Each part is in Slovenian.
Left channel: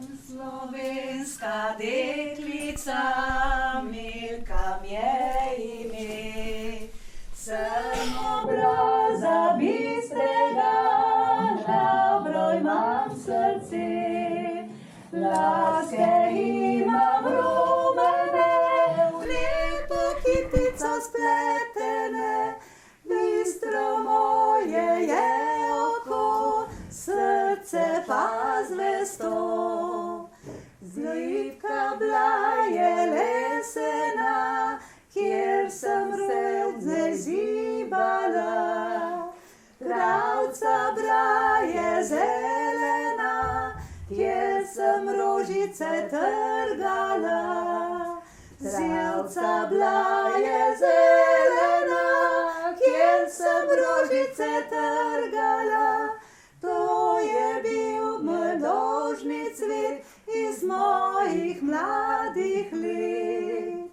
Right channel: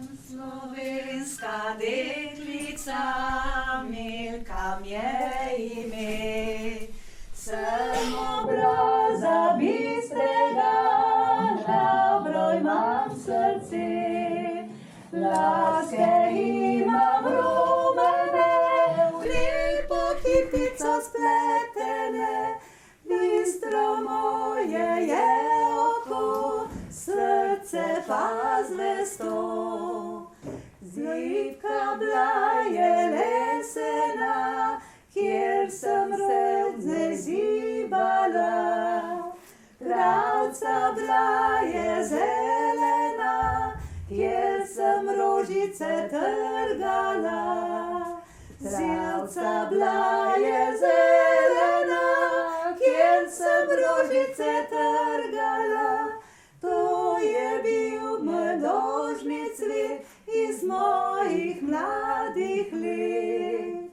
Slovenska deklica, Milka mi je ime. Sem obraza bistrega, dobro imam srce. Laske imam rumene, v lepo kitico spletene. Bistro moje je oko, srce pa zvesto. Zlipka bila je lesena, kjer sem se zibala. Travca bila je zelena, kjer sem rožice trgala. Travca bila je zelena, kjer sem rožice trgala. To je bil mladožni cvet iz mojih mladih let.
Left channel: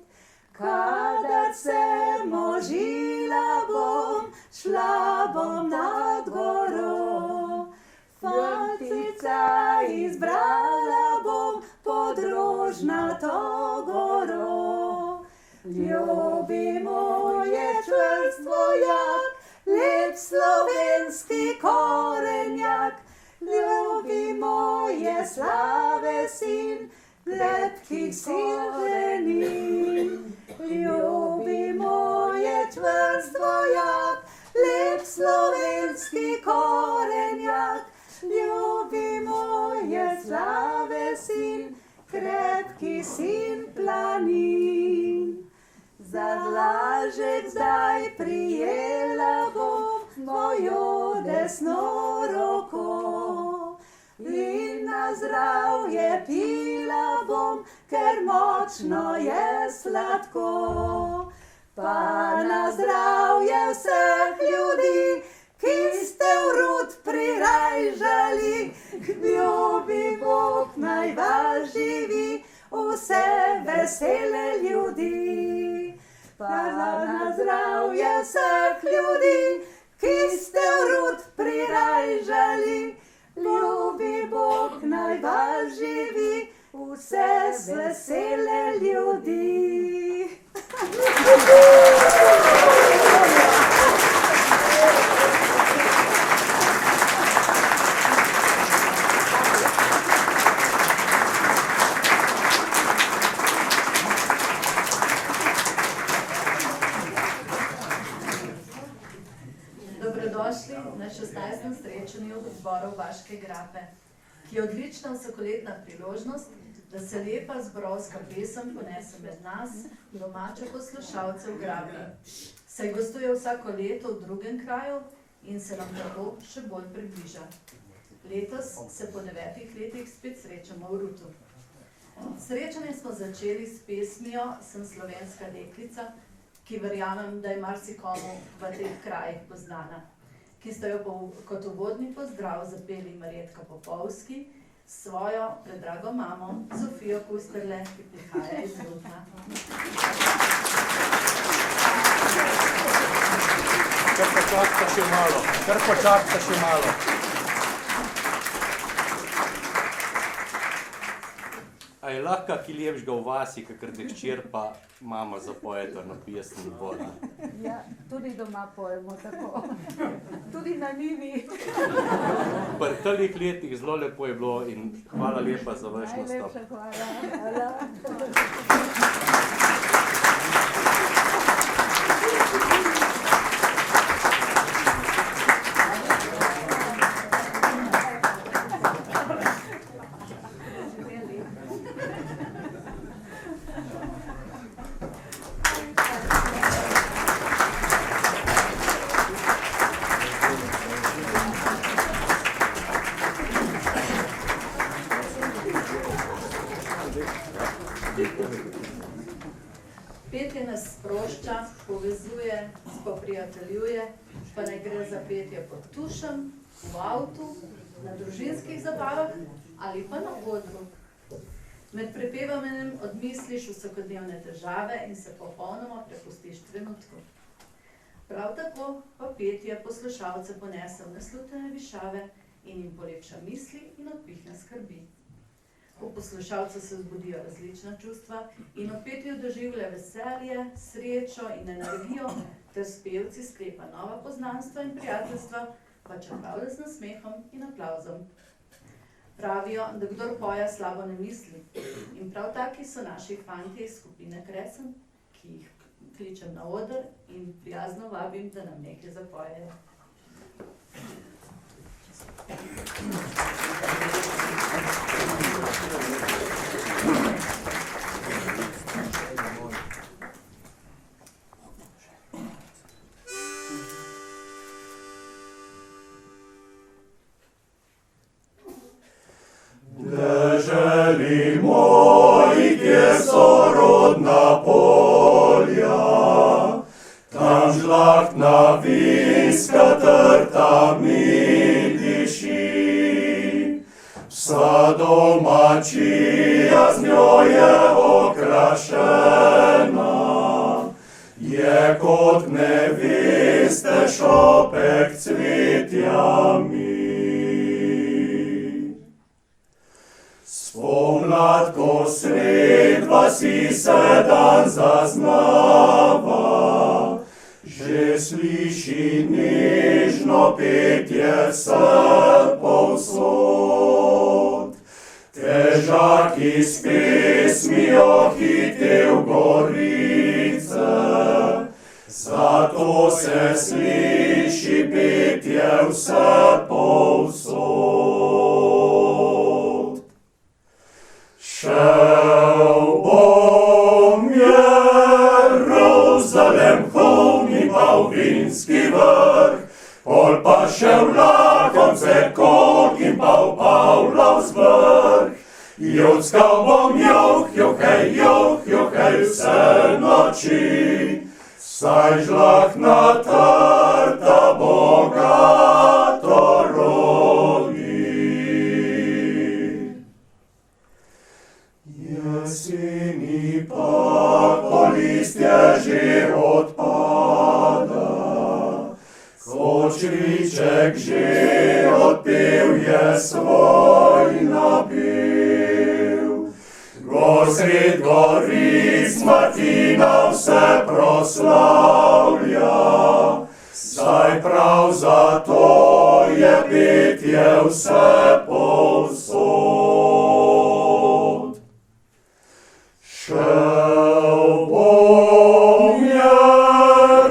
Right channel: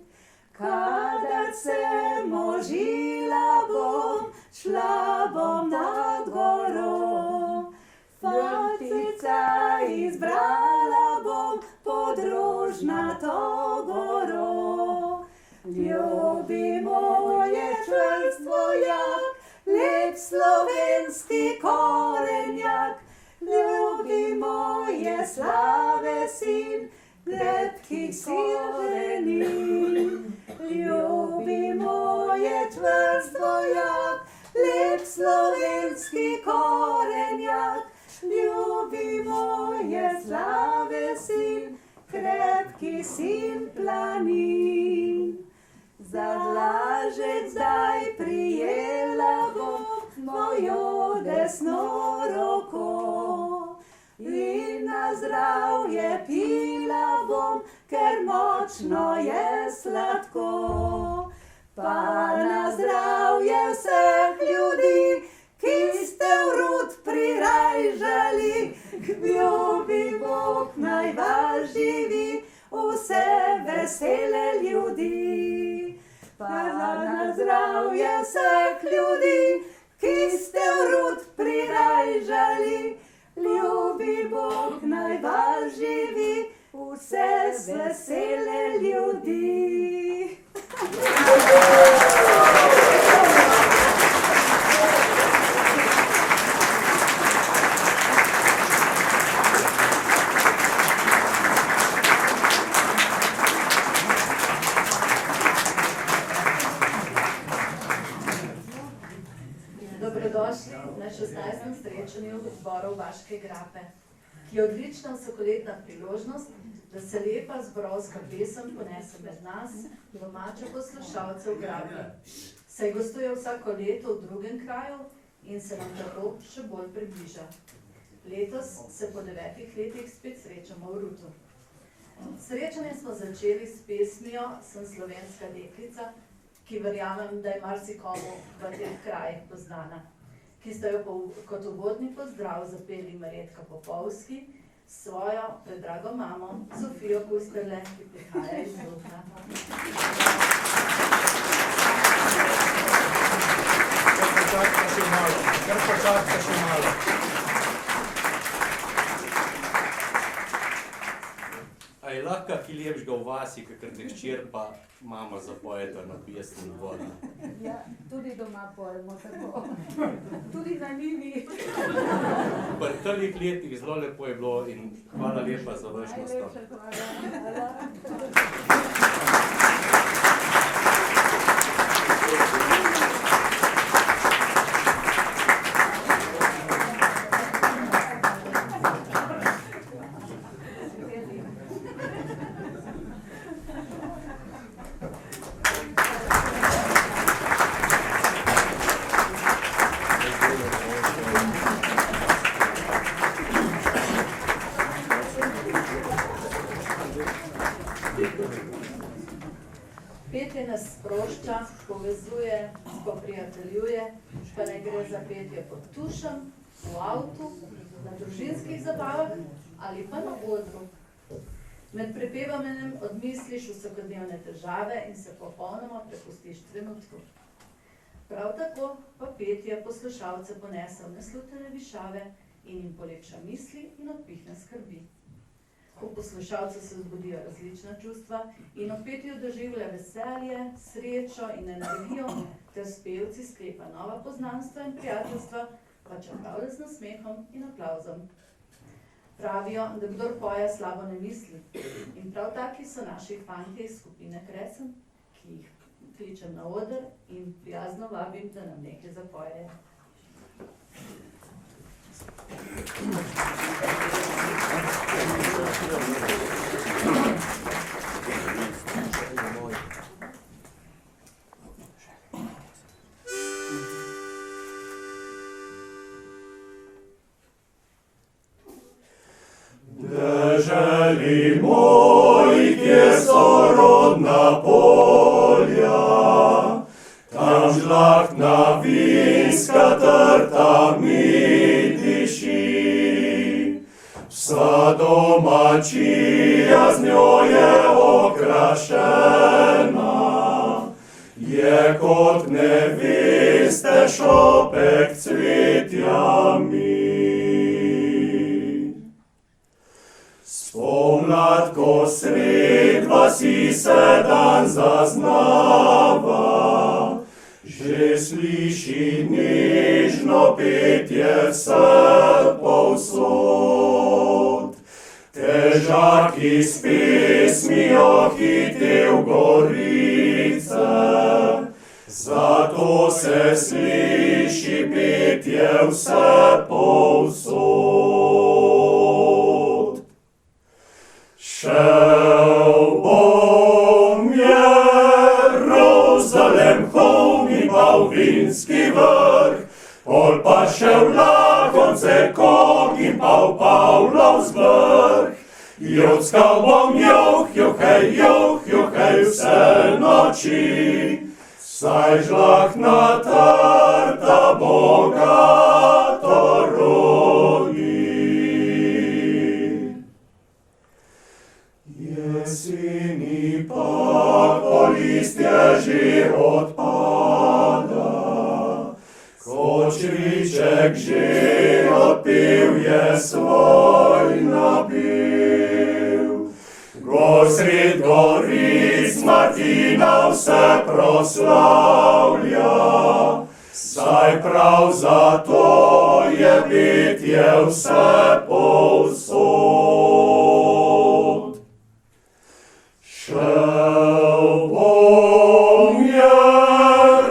Kadar se možila bom, šla bom nad goro. Fantica izbrala bom pod rožnato goro. Ljubi moje čvrstvo jak, lep slovenski korenjak. Ljubi moje slave sin, krepkih silvenin. Ljubi moje čvrstvo jak, lep slovenski korenjak. Ljubi moje slave sin, krepki sin planin. Za dlažek zdaj prijela bom mojo desno roko. In na zdravje pila bom, ker močno je sladko. Pa na zdravje vseh ljudi, ki ste v rud prirajžali. Ljubi Bog naj vas živi, vse vesele ljudi. Pa na zdravje vseh ljudi, ki ste v rud prirajžali. Ljubi Bog naj vas živi, vse vesele ljudi. Dobrodošli na 16. srečanju zborov Vaške grape, ki je odlična vsakoletna priložnost, da se lepa zborovska pesem ponese med nas, domače poslušalce v grapi. Saj gostuje vsako leto v drugem kraju in se nam tako še bolj približa. Letos se po 9 letih spet srečamo v Rutu. Srečanje smo začeli s pesmijo Sem slovenska deklica, ki verjamem, da je marsikomu v tem kraju poznana, ki sta jo kot uvodni pozdrav zapeli Marjetka Popovski s svojo predrago mamo Sofijo Pusterle, ki prihaja iz Rudna. Kar počakajte še malo. A je lahko ki lepšega v vasi, kakor da hčer pa mama zapojeta na pesem dvorna? Ja, tudi doma pojemo tako. Tudi na njivi. Pri teh letih zelo lepo je bilo in hvala lepa za vaš nastop. Najlepša hvala. Petje nas sprošča, povezuje, poprijateljuje, pa ne gre za petje pod tušem, v avtu, na družinskih zabavah ali pa na odru. Med prepevanjem odmisliš vsakodnevne težave in se popolnoma prepustiš trenutku. Prav tako pa petje poslušalce ponese v neslutene višave in jim polepša misli in odpihne skrbi. Ko poslušalca se zbudijo različna čustva in v petju doživlja veselje, srečo in energijo, ter s pevci sklepa nova poznanstva in prijateljstva, pa črtavlja z nasmehom in aplavzom. Pravijo, da kdor poja slabo ne misli. In prav taki so naši fantje iz skupine Kresen, ki jih kličem na oder in prijazno vabim, da nam nekaj zapojejo. Deželi moj, kjer so rodna polja, tam žlahtna vinska trta mi diši. Vsa domačija z njo je okrašena, je kot neveste šopek cvetjami. Spomlad, ko sred vasi se dan zaznava, že sliši nežno petje se povsod. Težaki s pesmijo hitev gorice, zato se sliši petje vse povsod. Šel bom Jeruzalem, hovni pa v vinski vrh, pol pa šel lakonce kog in pa v Pavlov zvrh. Jokskal bom johej vse noči, saj žlahtna trta bogato rodi. Jeseni pa, ko listje že odpada, kočriček že odpil je svoj napev. Gor sred goric Martina vse proslavlja, saj prav zato je petje vse povsod. Šel bom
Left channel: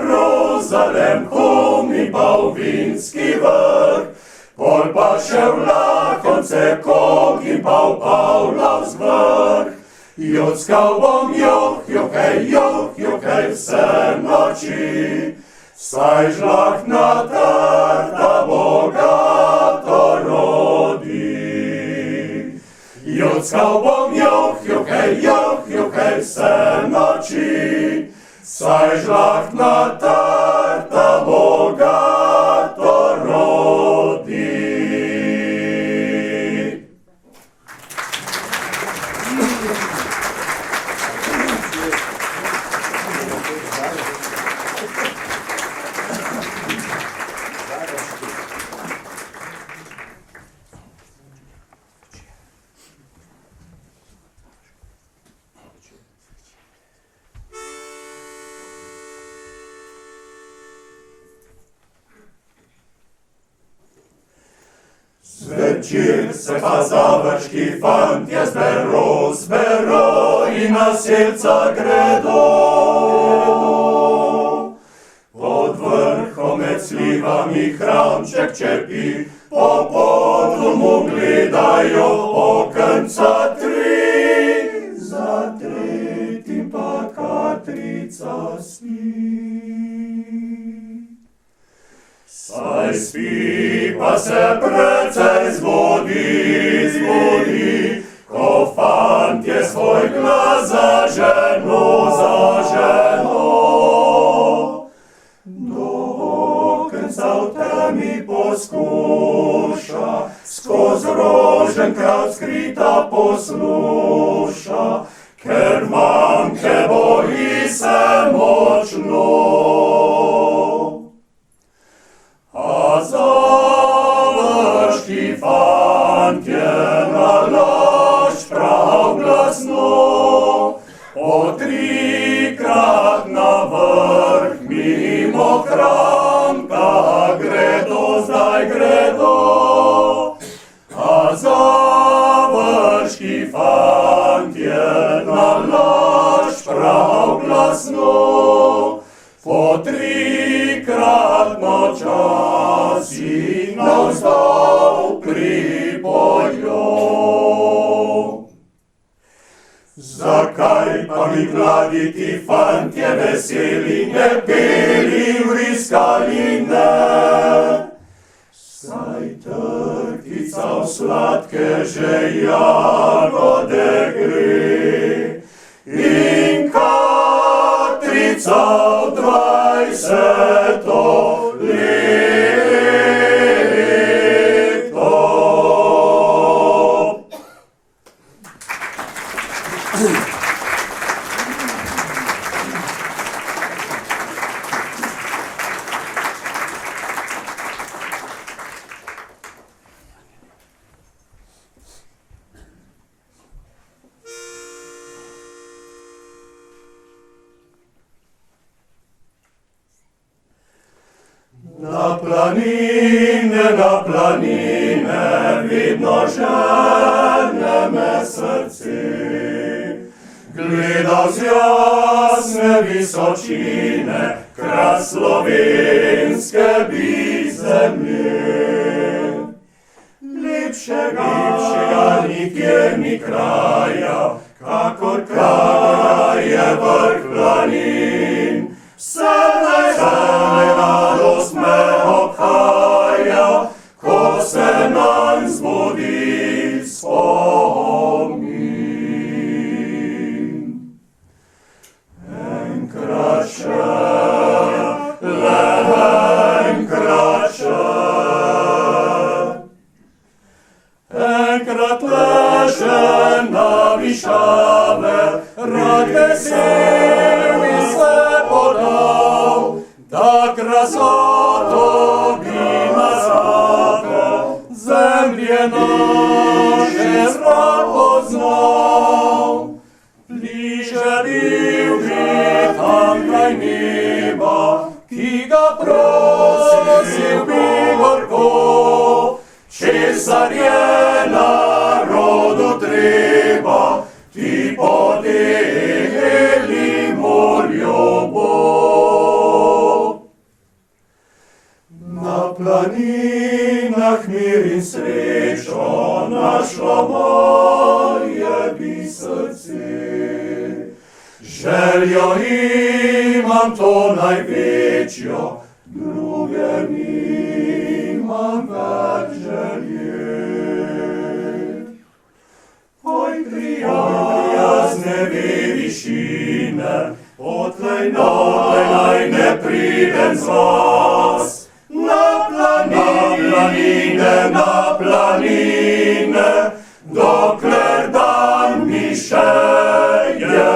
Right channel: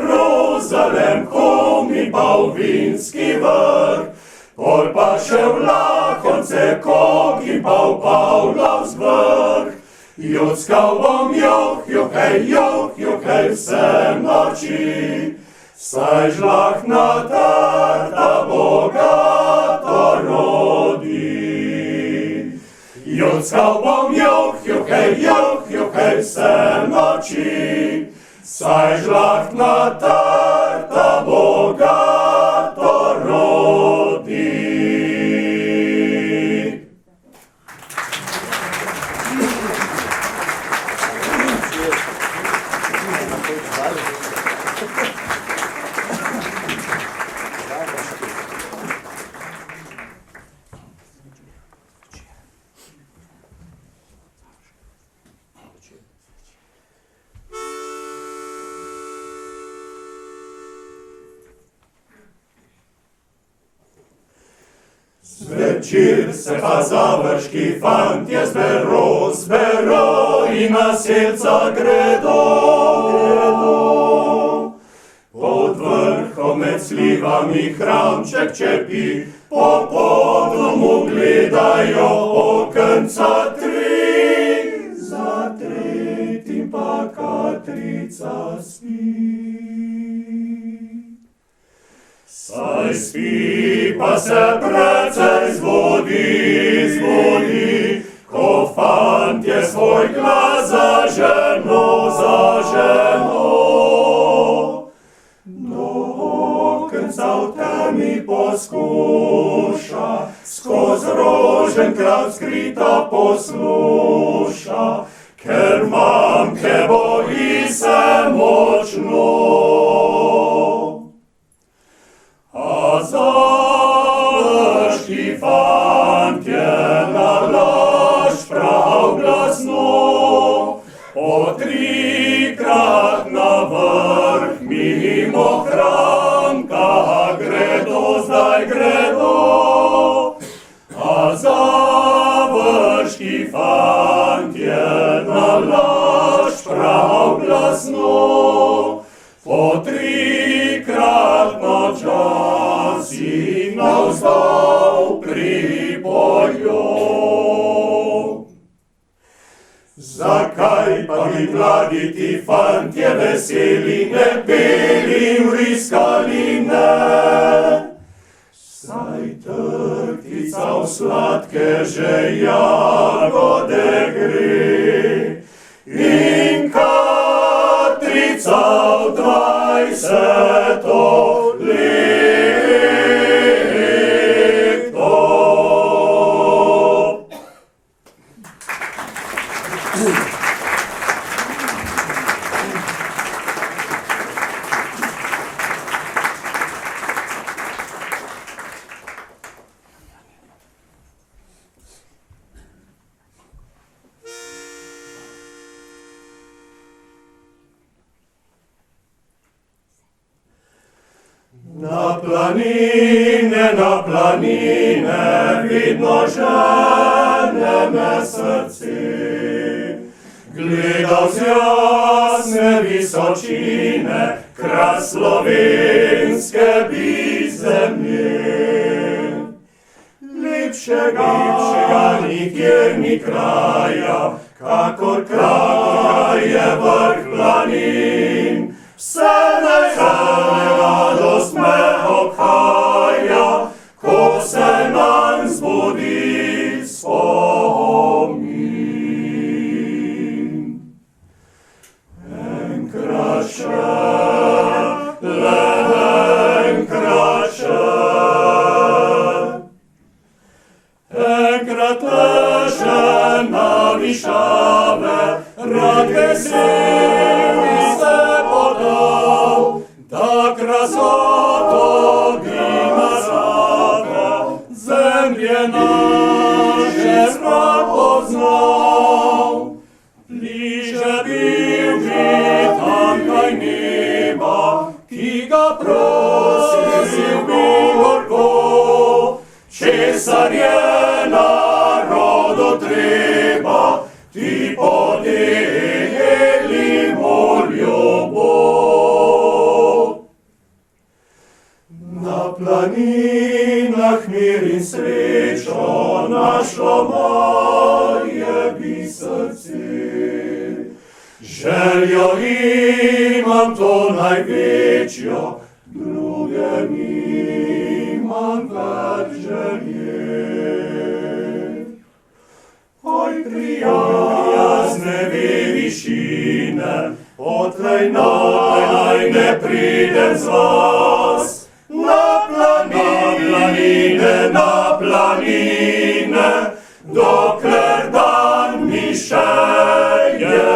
Jeruzalem, hovni pa v vinski vrh, pol pa šel lakonce kog in pa v Pavlov zvrh. Jokskal bom johej vse noči, saj žlahtna trta bogato rodi. Jokskal bom johej vse noči, saj žlahtna trta bogato rodi. Zvečer se pa završki fantje zbero in na selca gredo. Pod vrhom med slivami hramček čepi, po podlomu gledajo okenca tri, za tretjim pa Katrica spi. Saj spi, pa se precej zbudi, ko fantje svoj glas zaženo. Do okenca v temi poskuša, skoz roženka skrita posluša, ker mamke boji se močno. A završki fantje na laž prav Mokranka, gredo, zdaj gredo, a završki fantje na laž prav glasno, po trikratno časi navzdol pripoljo. Zakaj pa bi mladi ti fantje veseli ne peli vriskali ne? Saj trkica v sladke že jagode gre in Katrica v 20. leto. Na planine, vidno žene me srce. Gledal z jasne visočine, kras slovenske bi zemlje. Lepšega nikjer ni kraja, kakor kraje vrh planin. Vse radost me obhaja, ko se nam zbudi spomin. Enkrat še, le enkrat še, enkrat leže na višave, rad vesel bi se podal, da krasoto bi nazadal, zemlje naše zrak poznal. Bliže bil bi tamkaj neba, ki ga prosil bi gorko, česar je narodu treba, ti podelimo ljubav. Na planinah mir in srečo našlo moje bi srce. Željo imam to največjo, druge nimam več želje. Oj, prijazne višine, odtlej naj ne pridem z vas. Na planine, dokler dan mi še je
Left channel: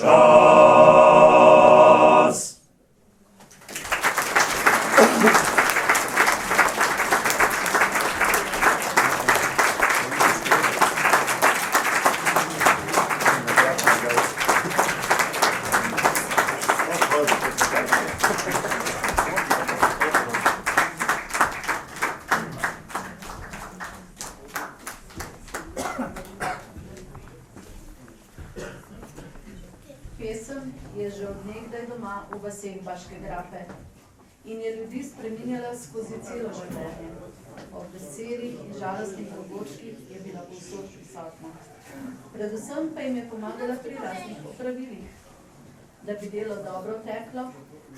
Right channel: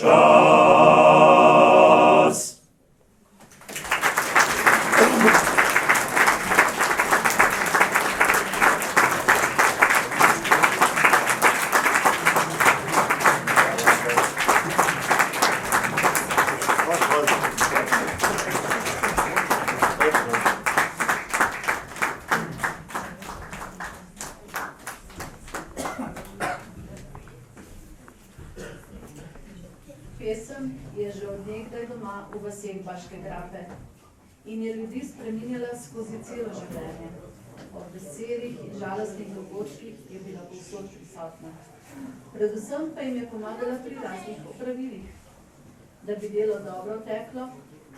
čas. Pesem je že od nekdaj doma v vaseh Baške grape in je ljudi spreminjala skozi celo življenje. Ob veselih in žalostnih dogodkih je bila povsod prisotna. Predvsem pa jim je pomagala pri raznih opravilih. Da bi delo dobro teklo,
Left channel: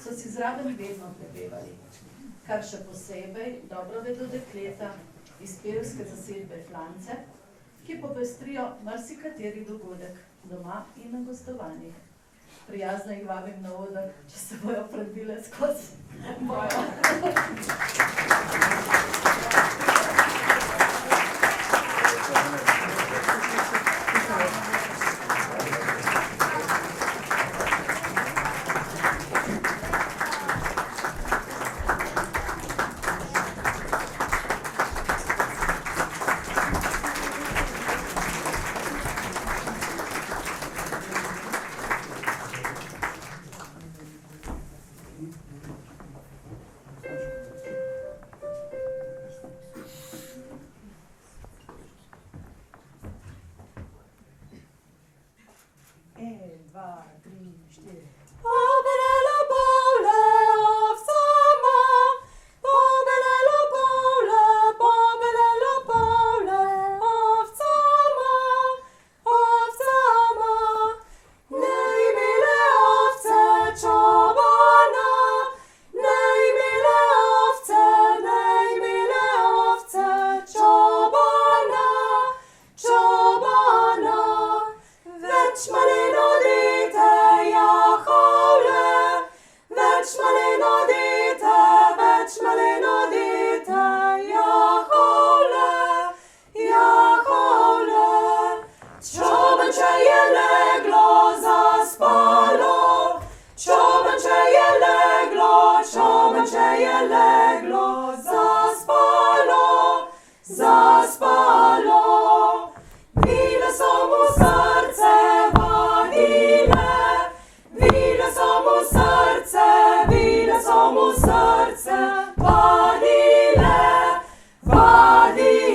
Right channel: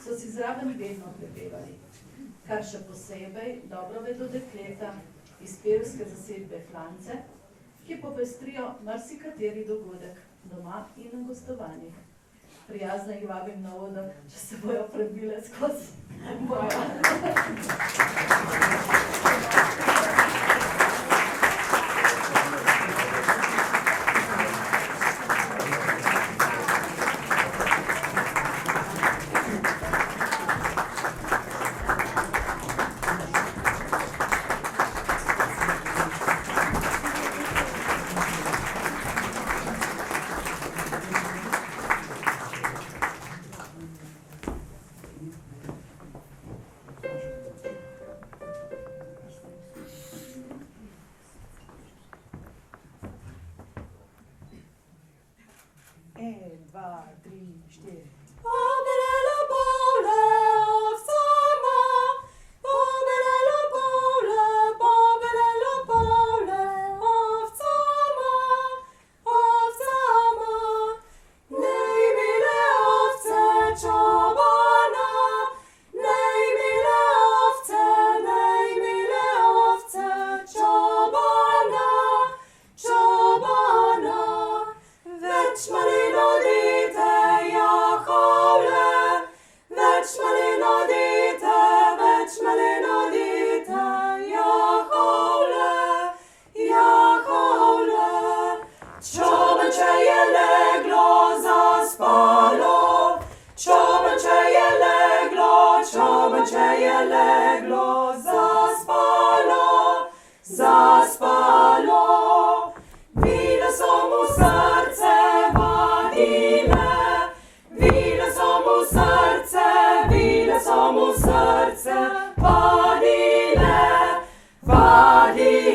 so si zraven vedno prepevali. Kar še posebej dobro vedo dekleta iz pevske zasedbe Klance, ki popestrijo marsikateri dogodek doma in na gostovanjih. Prijazno jih vabim na oder, če se bojo prebile skozi boja. maleno dete, več maleno dete, Jahovle, Jahovle. Čobanče je leglo, zaspalo, čobanče je leglo, čobanče je leglo, zaspalo, zaspalo. Vile so mu srce vadile, vile so mu srce, vile so mu srce vadile, vadile.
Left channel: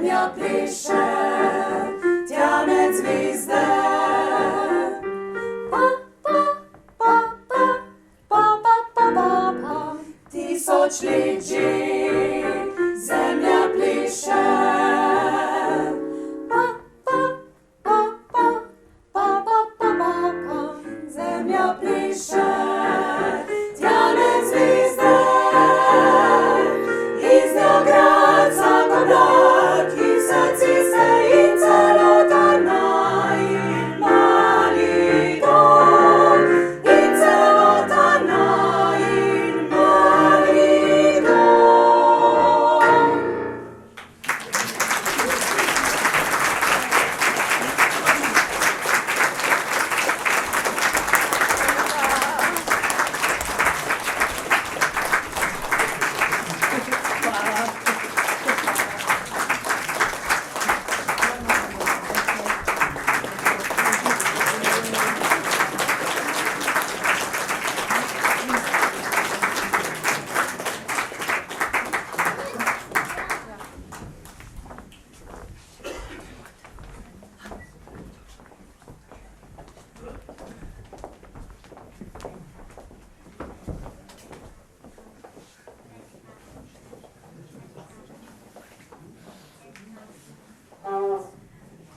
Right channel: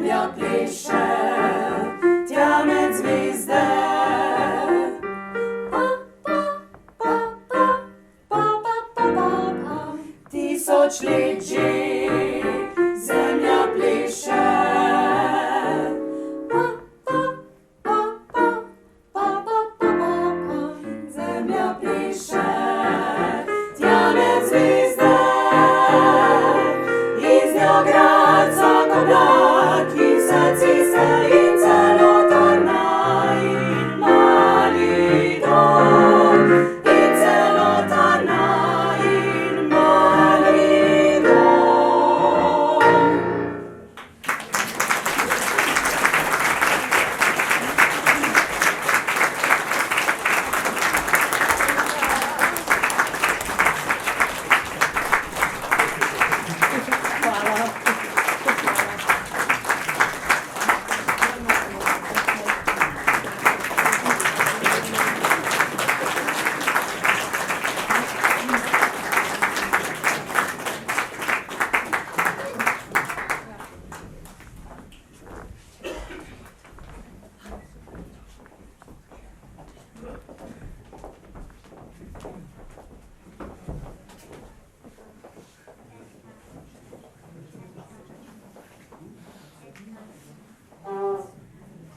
zemlja pliše, tja med zvizde. Pa, pa, pa, pa, pa, pa, pa, pa, pa. Tisočliči zemlja pliše. Pa, pa, pa, pa, pa, pa, pa, pa, pa. Zemlja pliše, tja med zvizde. Iz njo grad zagodak in srci se in celota naj. Mali dom in celota naj in mali dom.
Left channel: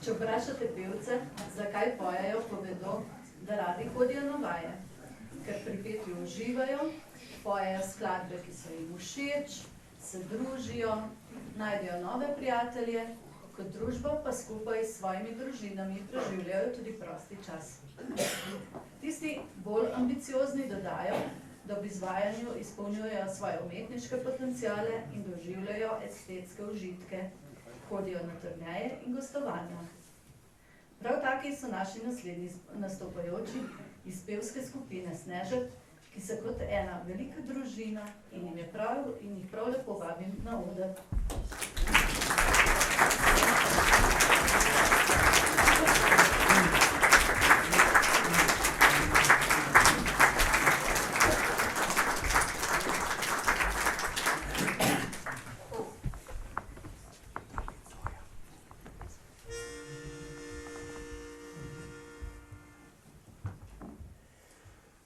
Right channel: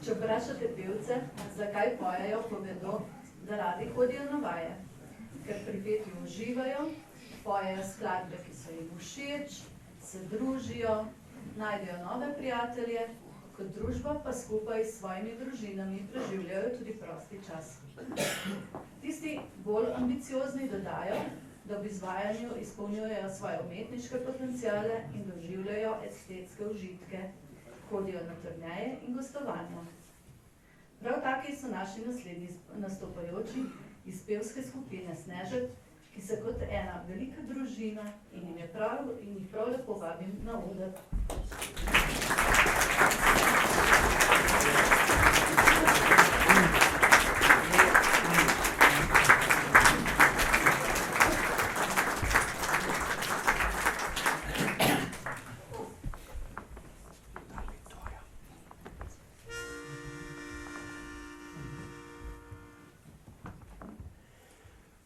Če vprašate pevce, zakaj pojejo, povedo, da radi hodijo na vaje. Ker pri petju uživajo, pojejo skladbe, ki so jim všeč, se družijo, najdejo nove prijatelje, kot družba pa skupaj s svojimi družinami preživljajo tudi prosti čas. Tisti bolj ambiciozni dodajo, da ob izvajanju izpolnjujejo svoje umetniške potenciale in doživljajo estetske užitke. Hodijo na turneje in gostovanja. Prav taki so naši naslednji nastopajoči iz pevske skupine Snežek, ki se kot ena velika družina in jih prav lepo vabim na oder.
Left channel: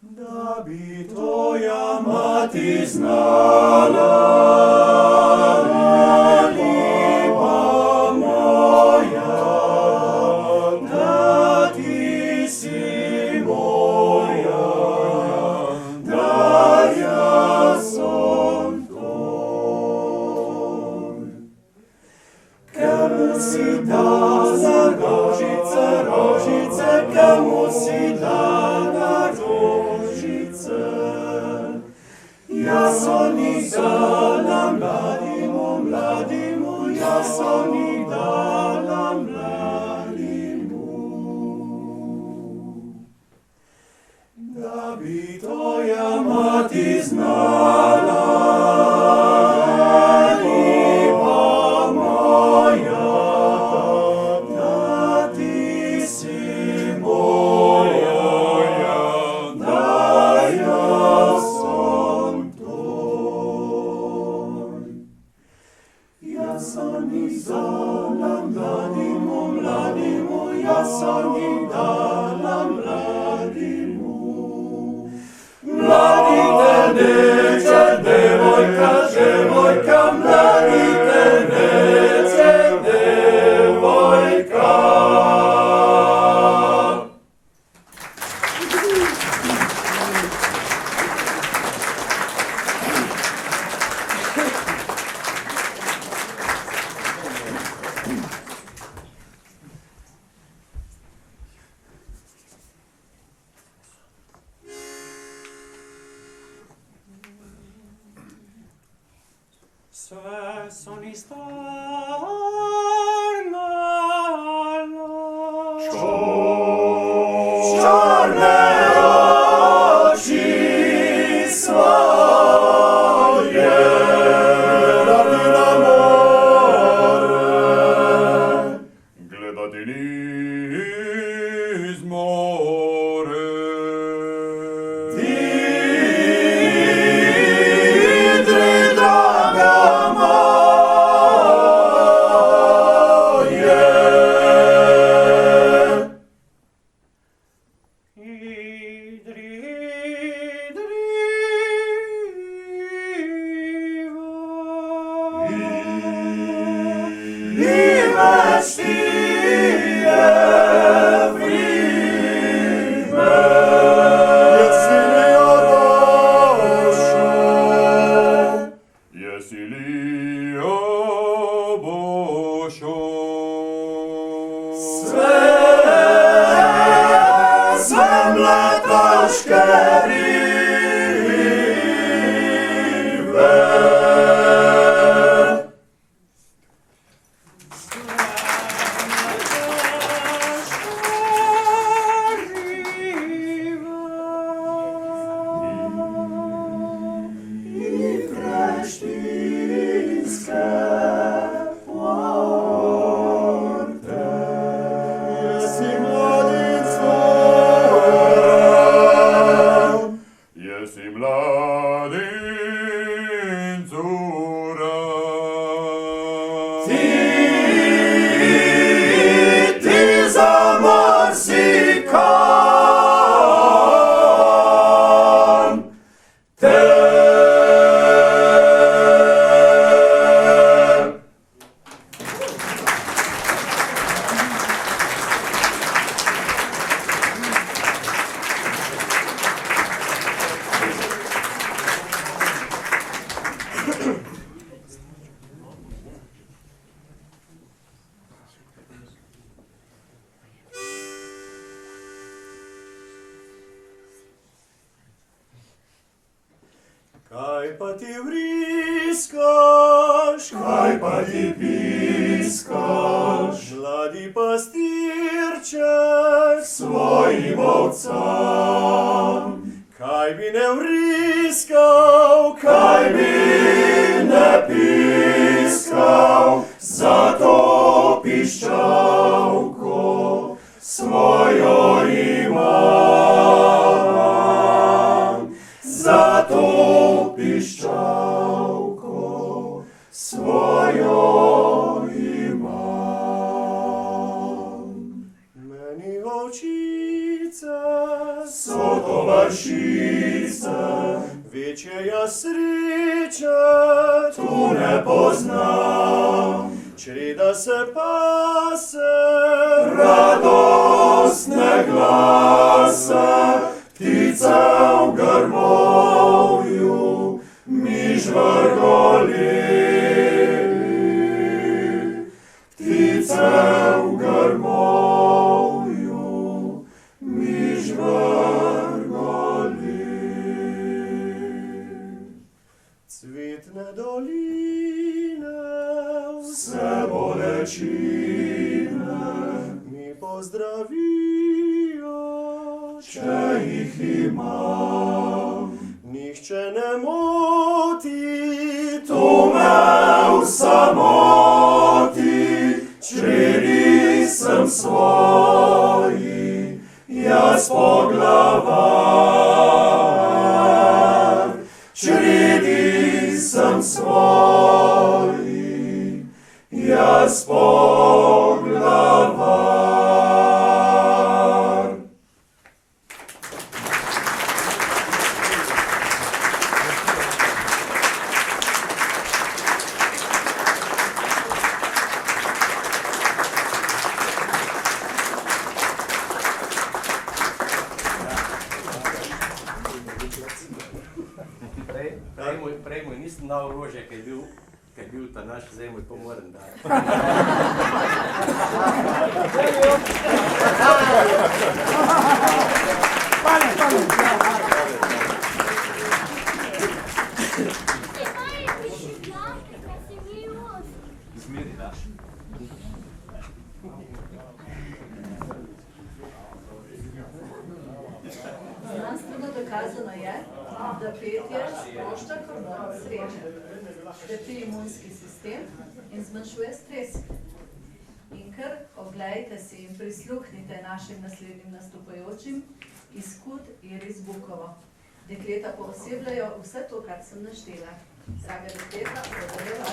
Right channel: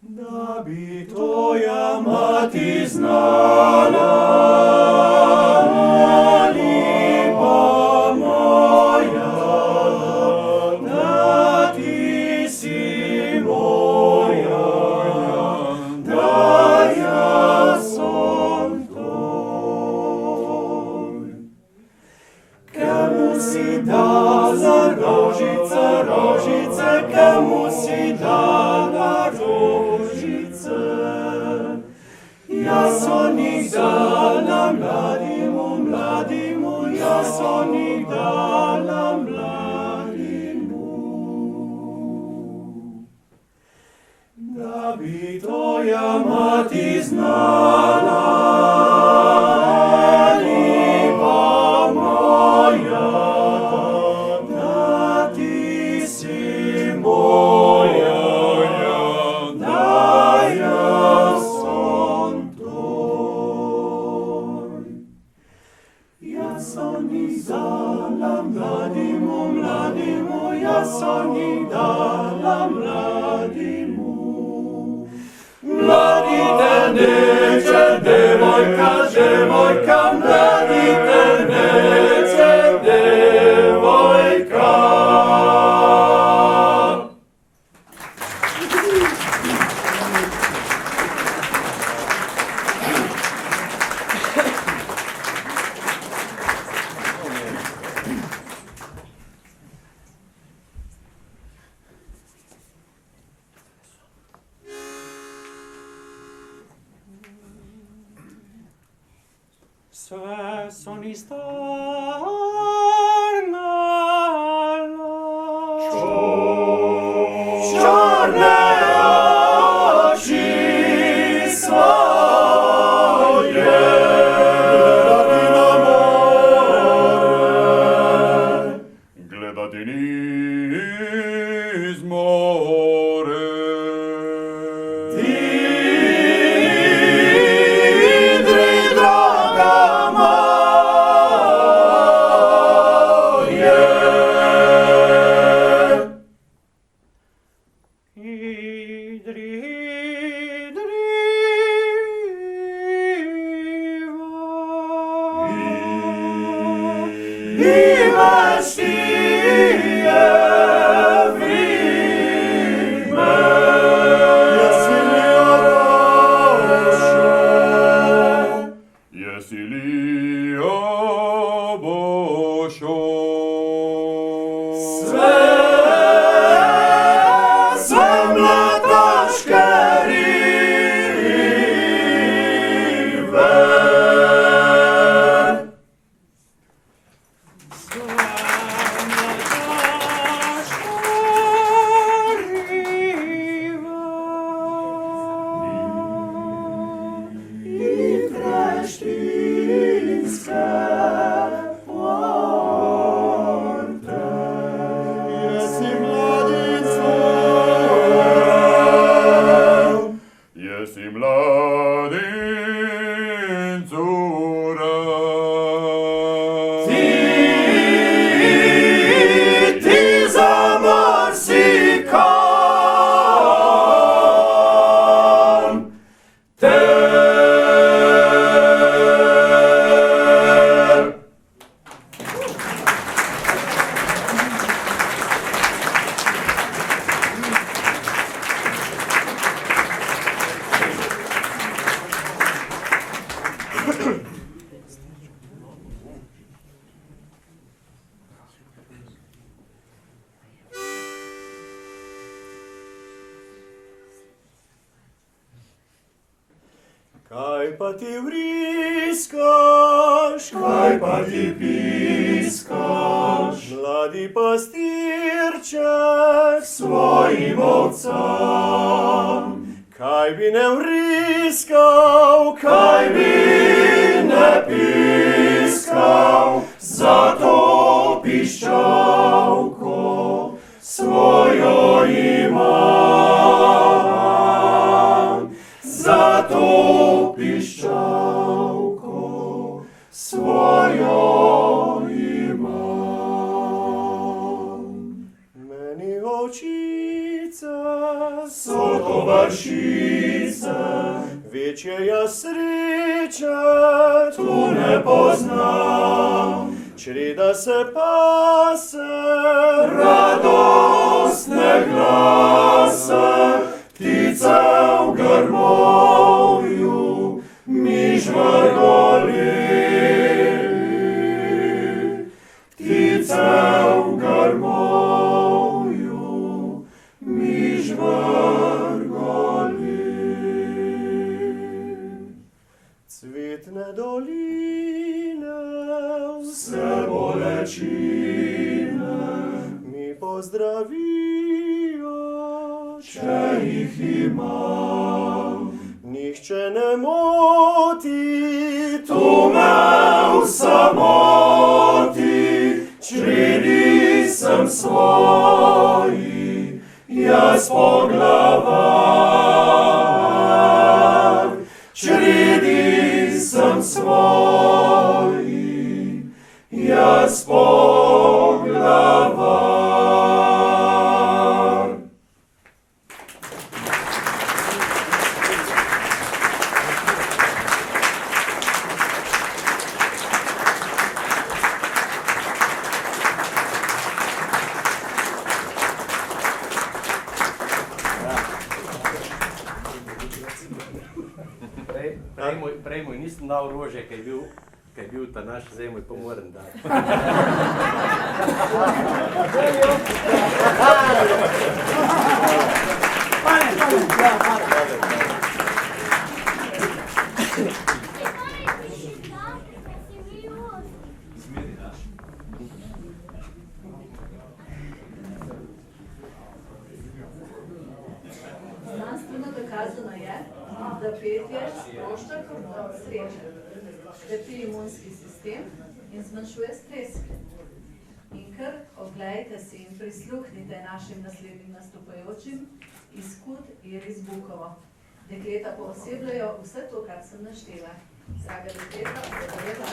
Da bi tvoja mati znala, lepa moja, da ti si moja, da jaz sem tvoj. Komu si dala rožice, rožice, komu si dala rožice? Jaz sem jih dala mladimu, mladimu, jaz sem jih dala mladimu. Da bi tvoja mati znala, lepa moja, da ti si moja, da jaz sem tvoj. Jaz sem jih dala mladimu, mladimu, jaz sem jih dala mladimu. Mladi teneče, devojka, devojka, mladi teneče, devojka. Sve son izdarnalo. Čorne oči svoje radi na more, gledati niz more. Idri, draga moja, Kaj pa ti vriskaš, kaj pa ti piskaš, mladi pastirček svojim ovcam. Kaj bi ne vriskal, kaj bi ne piskal, zato piščalko svojo imam. Zato piščalko svojo imam. Meni ovčice so tovarišice, večja sreče tu ne poznam. Čreda se pase, radostne glase, ptice v grmovju, miž v goli. Ptice v grmovju, miž v goli. Cvetne doline, vse bolečine, mi pozdravijo, če jih imam. Nihče ne moti, tu me v samoti, čredi sem svoji, jaz po glavah. Čredi sem svoji, jaz po glavah. Prej mu nisem dal rože, kaj je bil ta naš, zdaj mu to moram dati. Znanstveno dokazano je, da petje sprošča hormon sreče, krepi imunski sistem in zmanjšuje stres. In kar oglejte si in prisluhnite našim naslednjim nastopajočim iz Kud Iris Bukovo. Dekleta poosebljajo vse to, kar sem naštela. Draga dekleta, zadovoljena.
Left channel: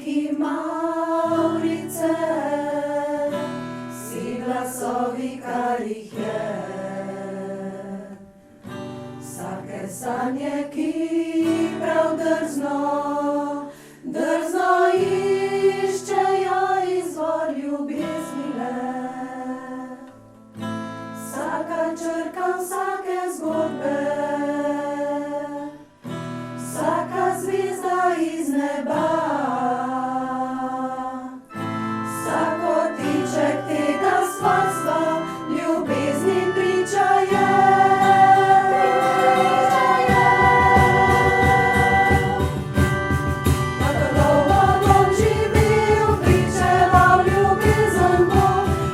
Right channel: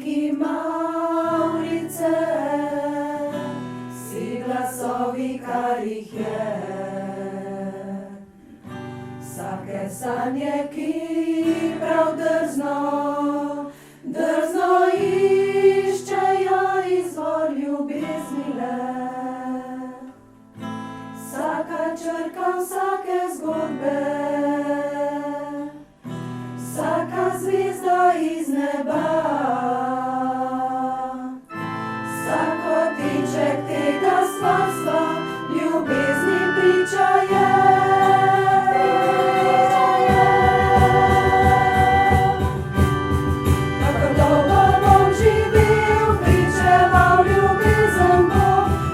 Blanki Mavrice, vsi glasovi, kar jih je. Vsake sanje, ki prav drzno iščejo izvor ljubezni le. Vsaka črka vsake zgodbe, vsaka zvezda iz neba, vsako tiček tega svalstva ljubezni priča je. Kako dolgo bom živel, pričeval ljubezen bo,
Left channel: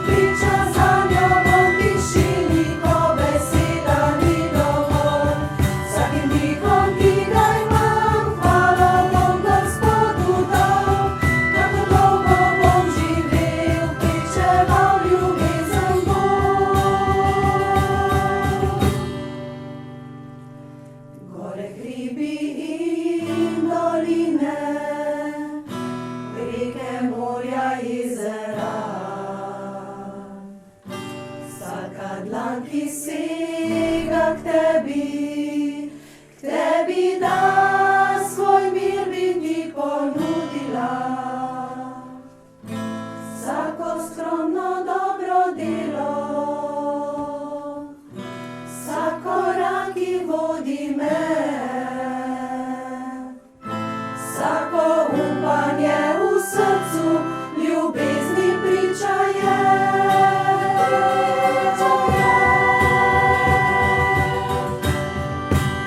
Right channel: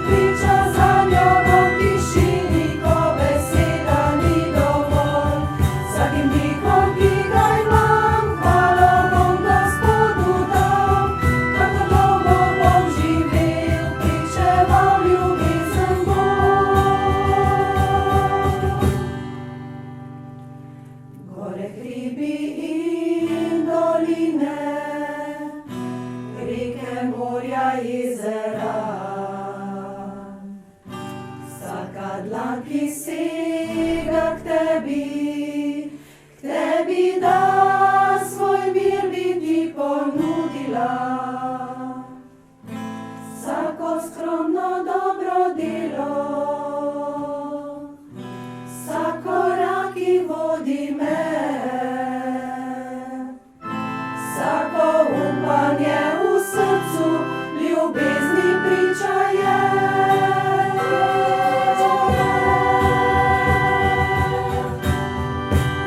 priča zanjo bom v tišini, ko beseda ni dovolj. Vsakim dihom, ki ga imam, hvalo bom Gospodu dal. Kako dolgo bom živel, pričeval ljubezen bo. Gore, hribi in doline, reke, morja, jezera. Vsaka dlan, ki sega k tebi da svoj mir, bi ti ponudila. Vsako skromno dobro delo, vsak korak, ki vodi me, vsako upanje v srcu ljubezni priča je.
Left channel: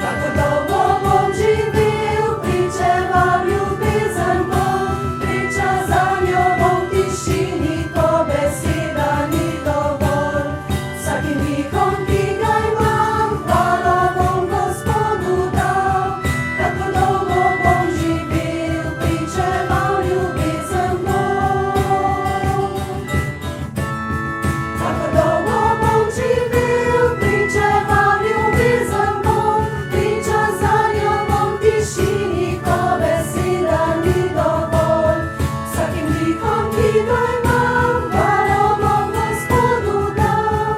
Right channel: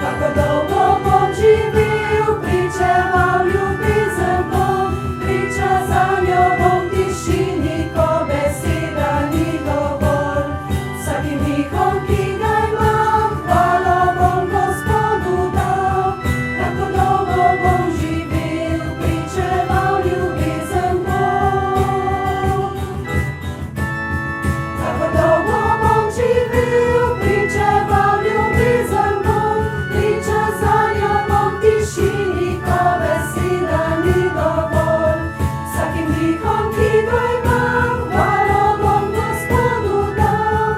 Kako dolgo bom živel, pričeval ljubezen bom, priča zanjo bom v tišini, ko beseda ni dovolj. Vsakim dihom, ki ga imam, hvalo bom Gospodu dal. Kako dolgo bom živel, pričeval ljubezen bom. Kako dolgo bom živel, pričeval ljubezen bom, priča zanjo bom v tišini, ko beseda ni dovolj. Vsakim dihom, ki ga imam, hvalo bom Gospodu dal.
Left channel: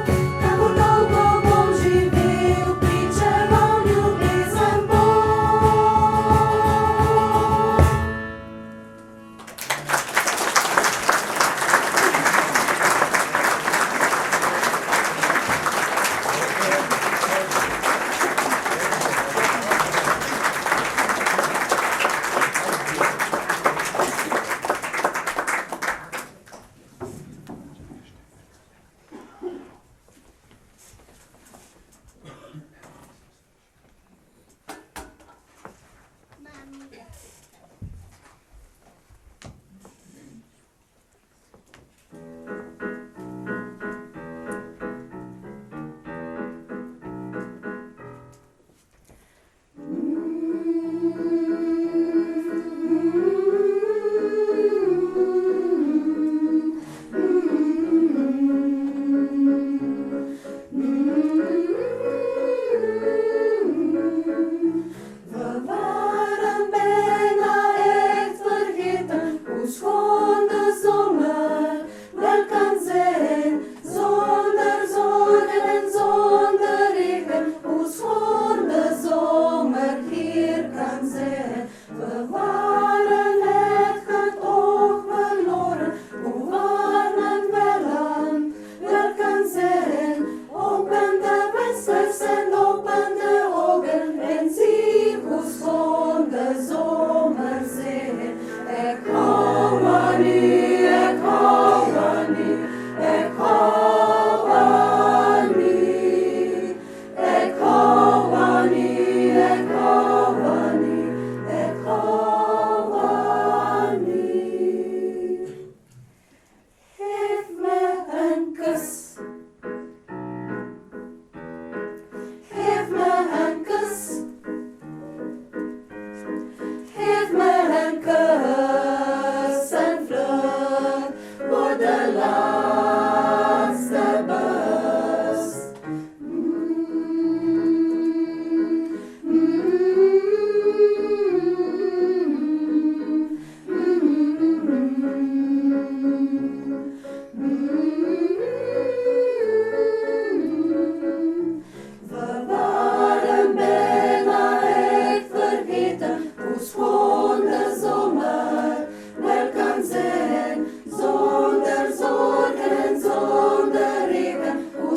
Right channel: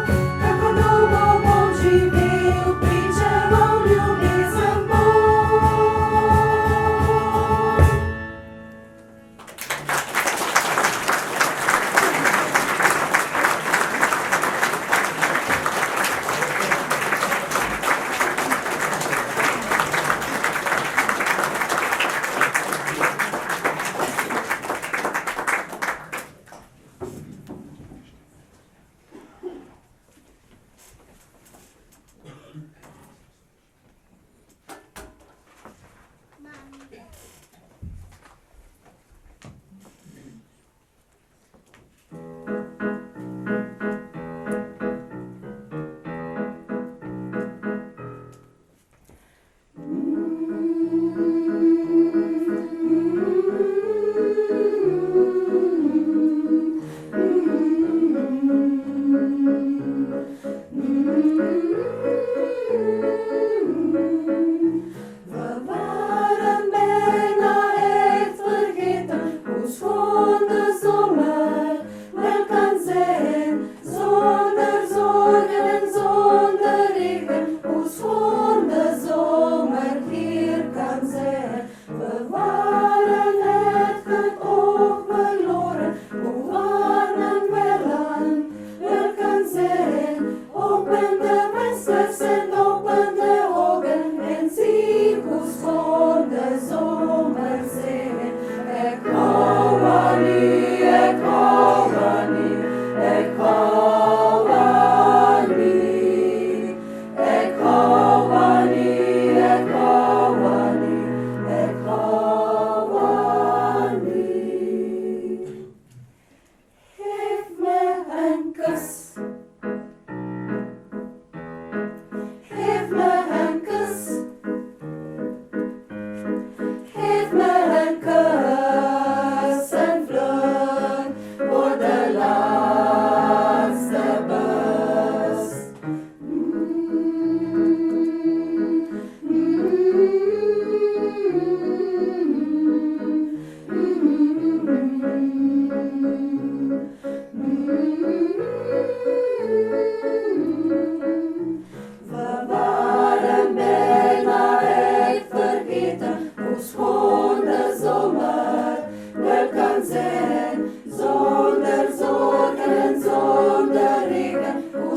Kako dolgo bom živel, pričeval ljubezen bom. Verwarren ben echt vergeten hoe schoon de zomer wel kan zijn, zonder zorgen en zonder regen, hoe schoon de zomer hier kan zijn. We waren echt het oog verloren, hoe warm en welland wel kan zijn. Open de vesters en open de ogen en zie hoe schoon de zomer zijn. Ik hou van u, ik hou van u, ik hou van u. Ik hou van u, ik hou van u, ik hou van u. Geef me een kus. Geef me een kus. Geef me een kus en vlug voor de laatste bus.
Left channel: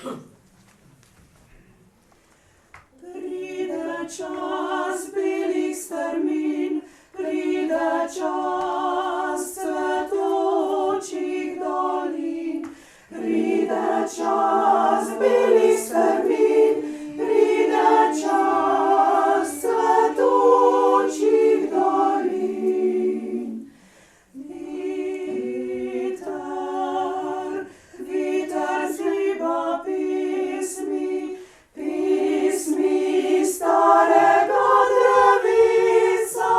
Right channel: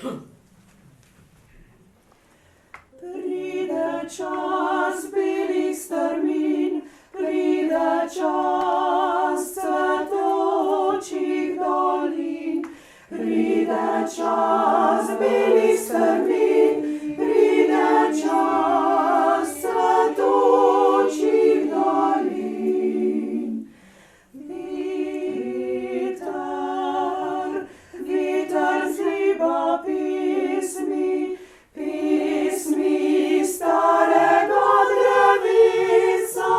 Pride čas belih strmin, pride čas cvetočih dolin, pride čas belih strmin, pride čas cvetočih dolin. Vitar zliba pismi, pismi starega drevesa,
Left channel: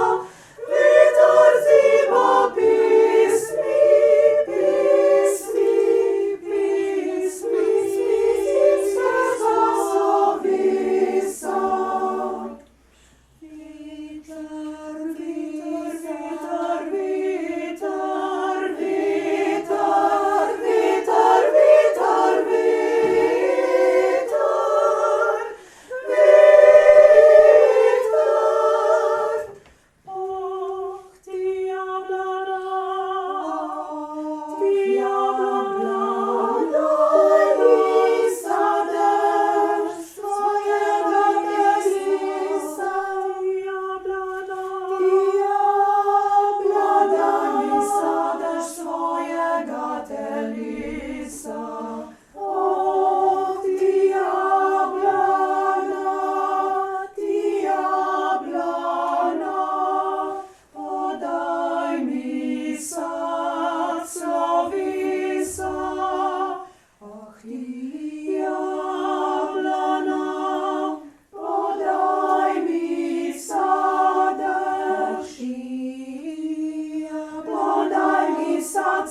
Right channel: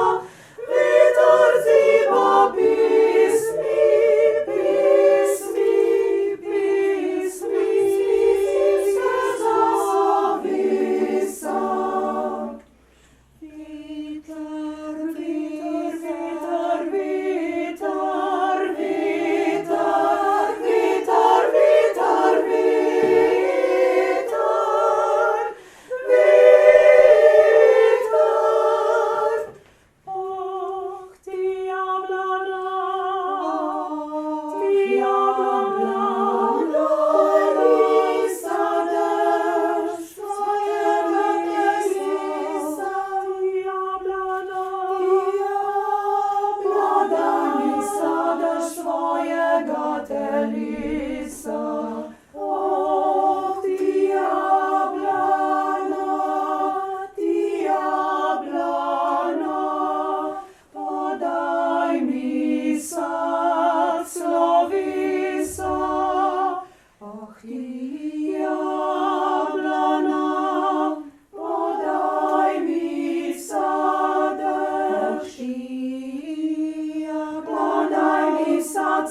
vitar zliba pismi, pismi, pismi, svinskega zavesa. Vitar, vitar, vitar, vitar, vitar, vitar, vitar,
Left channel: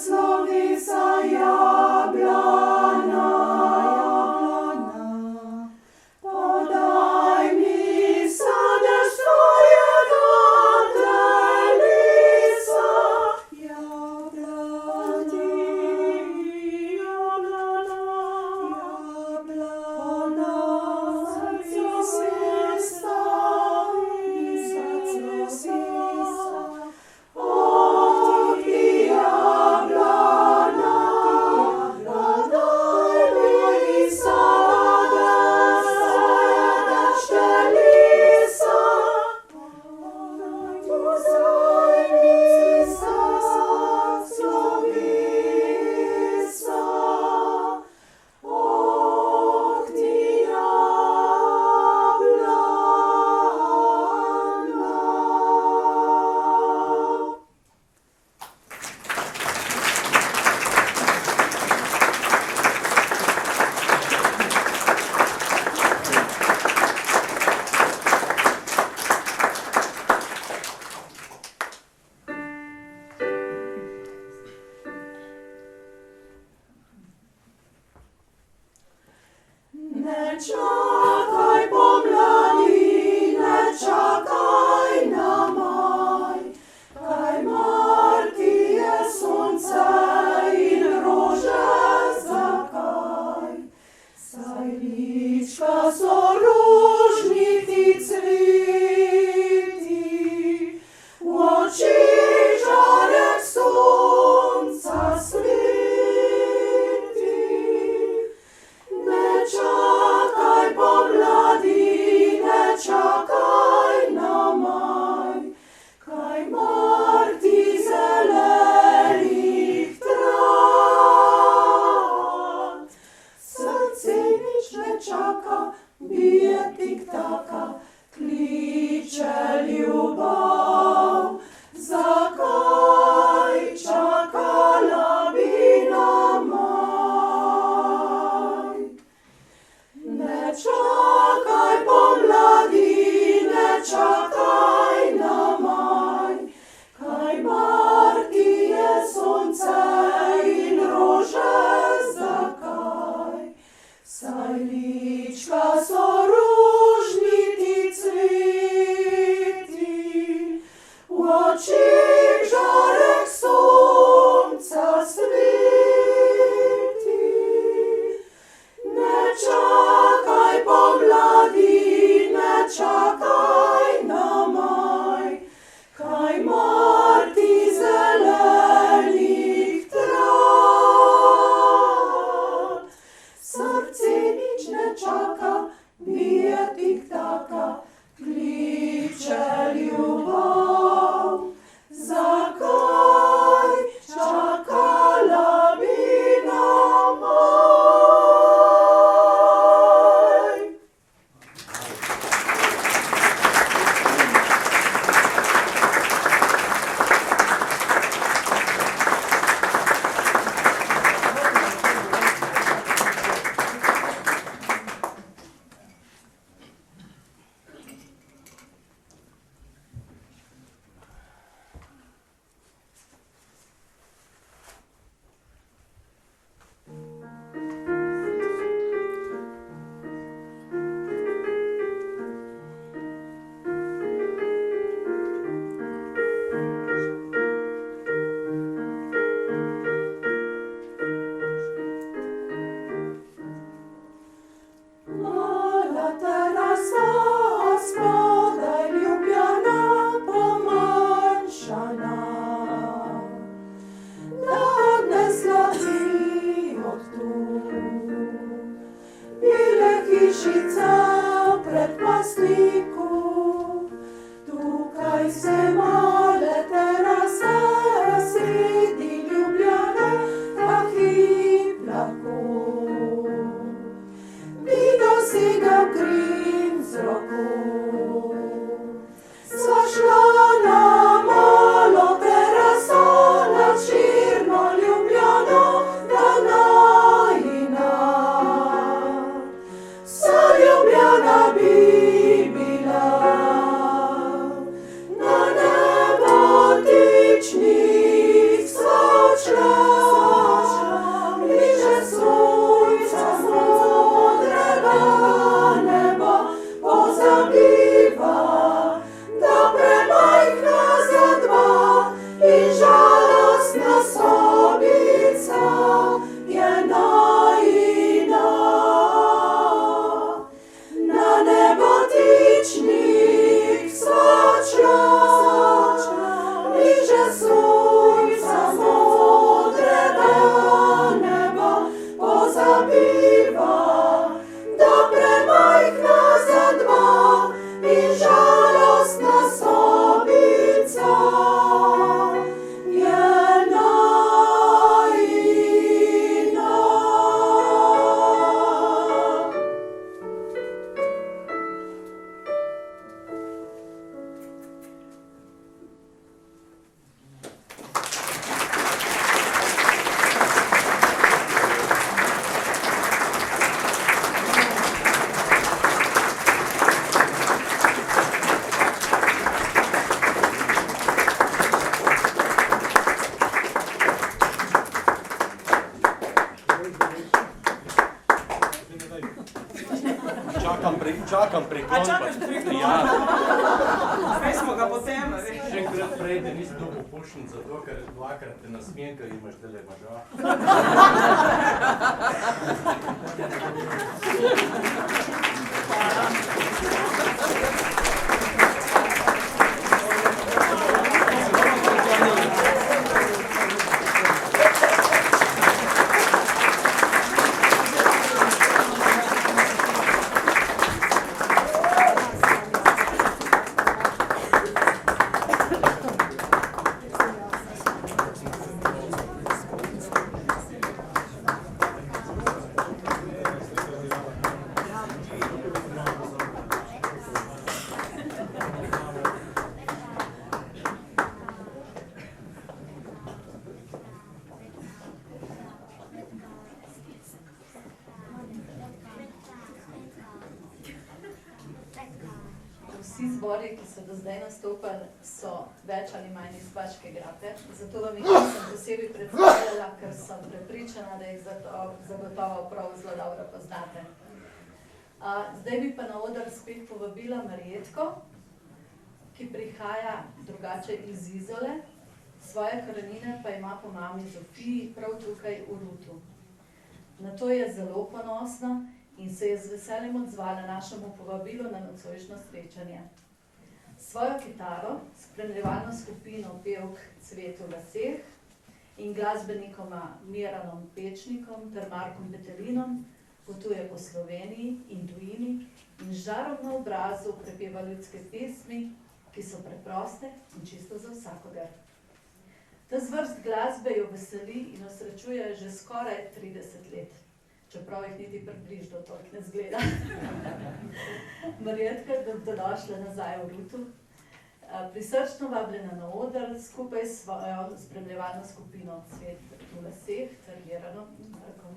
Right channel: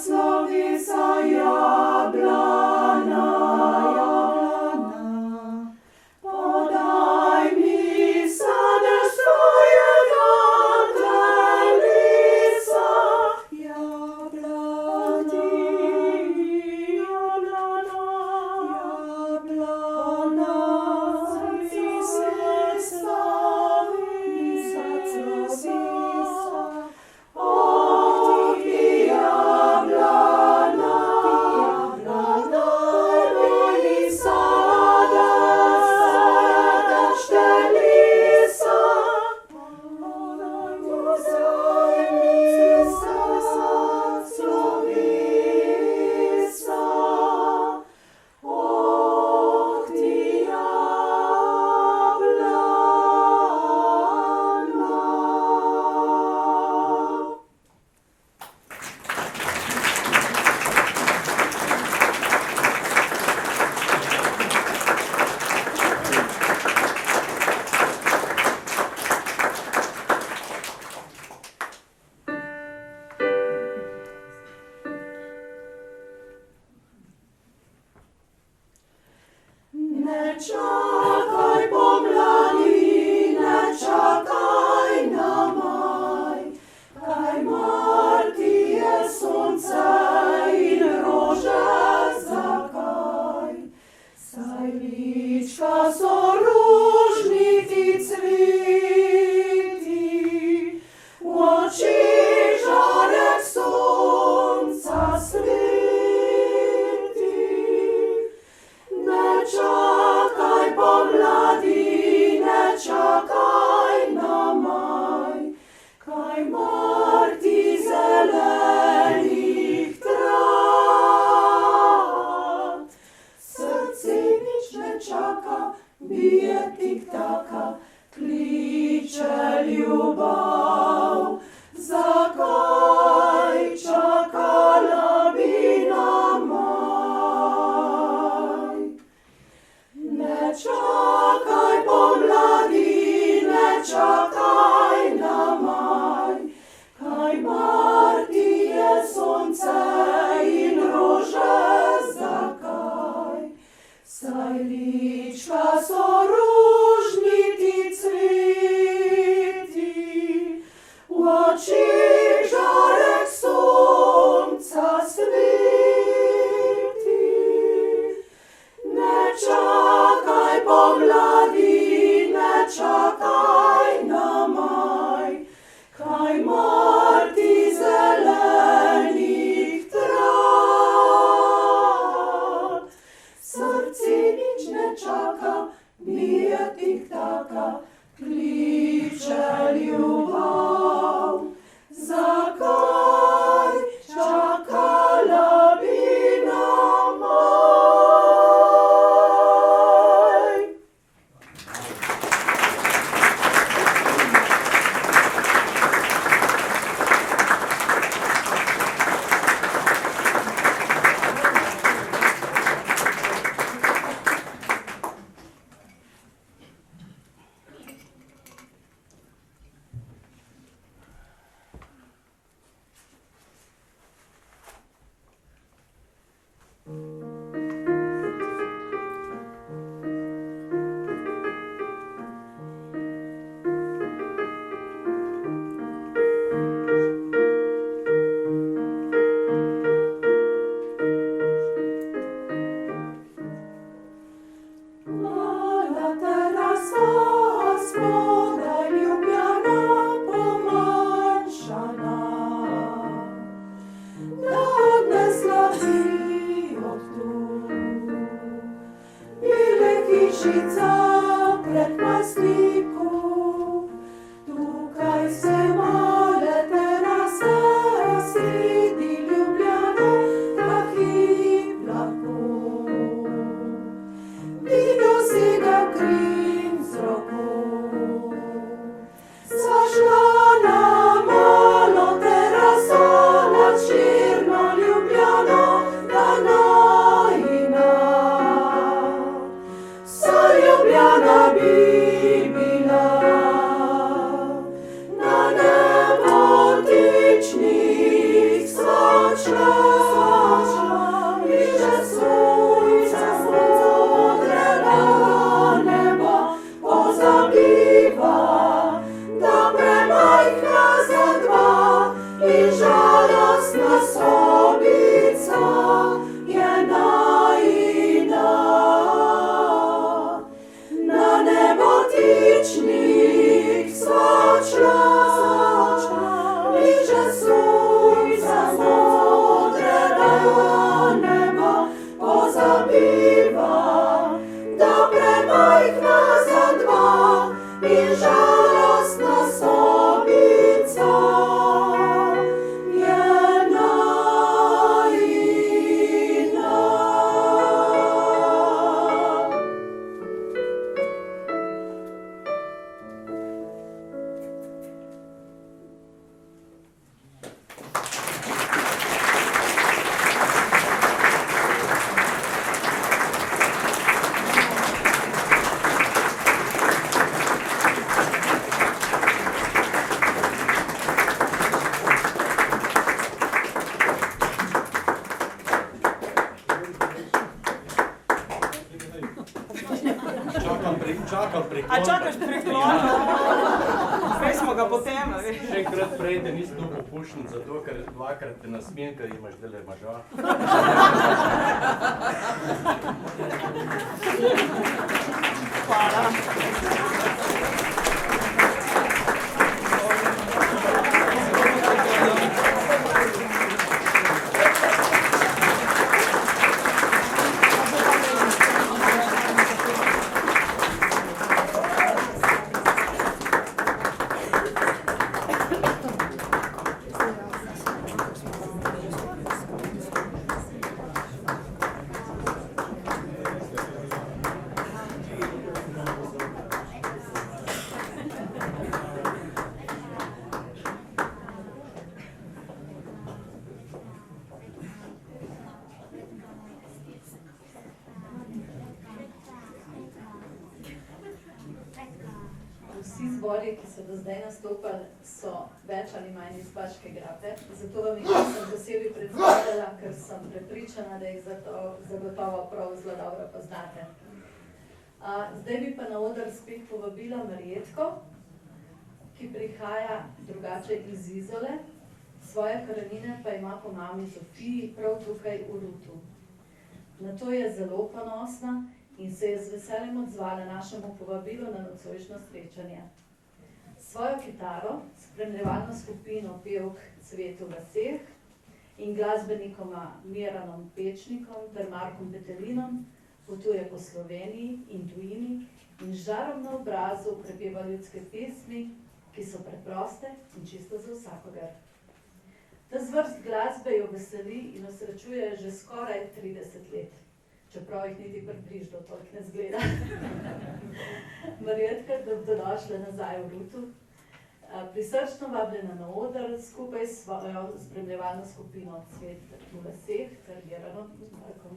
Slovesa jablana, jablana, podaj mi sadež svojega telesa, jablana, jablana, jablana, srce Ne čakaj pomladi, ne čakaj na maj, kaj marti je sonce in rože zakaj. Saj lička so ružniki cveti, v očih žarek sonca sveti. Ne čakaj pomladi, ne čakaj na maj, kaj marti zelenih trav. Srce nič ne čaka, bije tik-taka, kliče ljubav. Zakaj čakala bi na maj? Ne čakaj pomladi, ne čakaj na maj, kaj marti je sonce in rože zakaj. Saj lička so ružniti cveti, v očih žarek sonca sveti. Ne čakaj pomladi, ne čakaj na maj, kaj marti zelenih trav. Srce biva, da premajhna za dva in žalostna sobica je najina. Čakam priklon. A čakaš priklon? Zdaj smo ga potem, a veš. Še enkrat prej, da nisi bil popušen, zato ker dvakrat te nasmijem, ker imaš dele moža. Vsi zbori, ki so do zdaj nastopali, so več ali manj iz Baške grape, zato vam jih nisem posebej predstavljala, ker sem prepričana, da jih zagotovo prav zelo dobro poznate. Zdaj bi pa na oder spet povabila Marjetko, ki prihaja drugače iz Izole, svoje korenine pa ima po mami Zofiji prav tukaj v Rutu. Na to je zelo ponosna in se je z veseljem odzvala našemu povabilu na nocojšnjo srečanje. Svojo kitaro, spremljevalno skupino pevk Cvet v laseh in glasbenikoma Miranom Pečnikom ter Markom Petelinom potuje po Sloveniji in tujini in z žarom na obrazu prepeva ljudske pesmi, ki so preproste in čisto za vsakogar. Ta zvrst glasbe jo veseli in osrečuje že skoraj 30 let. Čeprav jih niti približno toliko ne zgleda. Marjetka, dobrodošla nazaj v Rutu. Prisrčno vabljena na oder skupaj s svojo spremljevalno skupino Cvet v laseh, ter Miranom in Markom.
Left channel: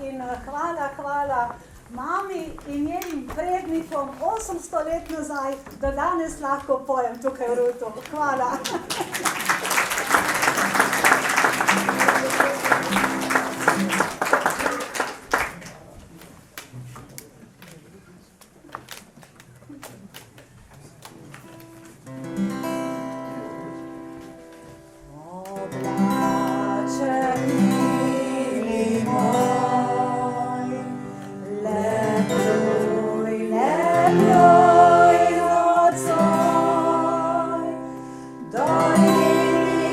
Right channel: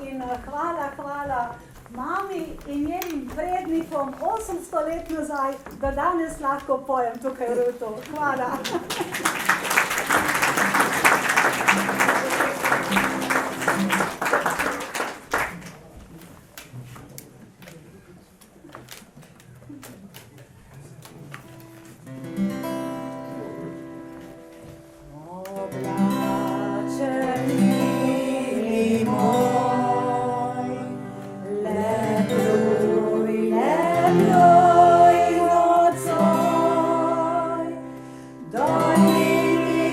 In hvala mami in njenim prednikom 800 let nazaj, da danes lahko pojem tukaj v Rutu. Hvala. Darling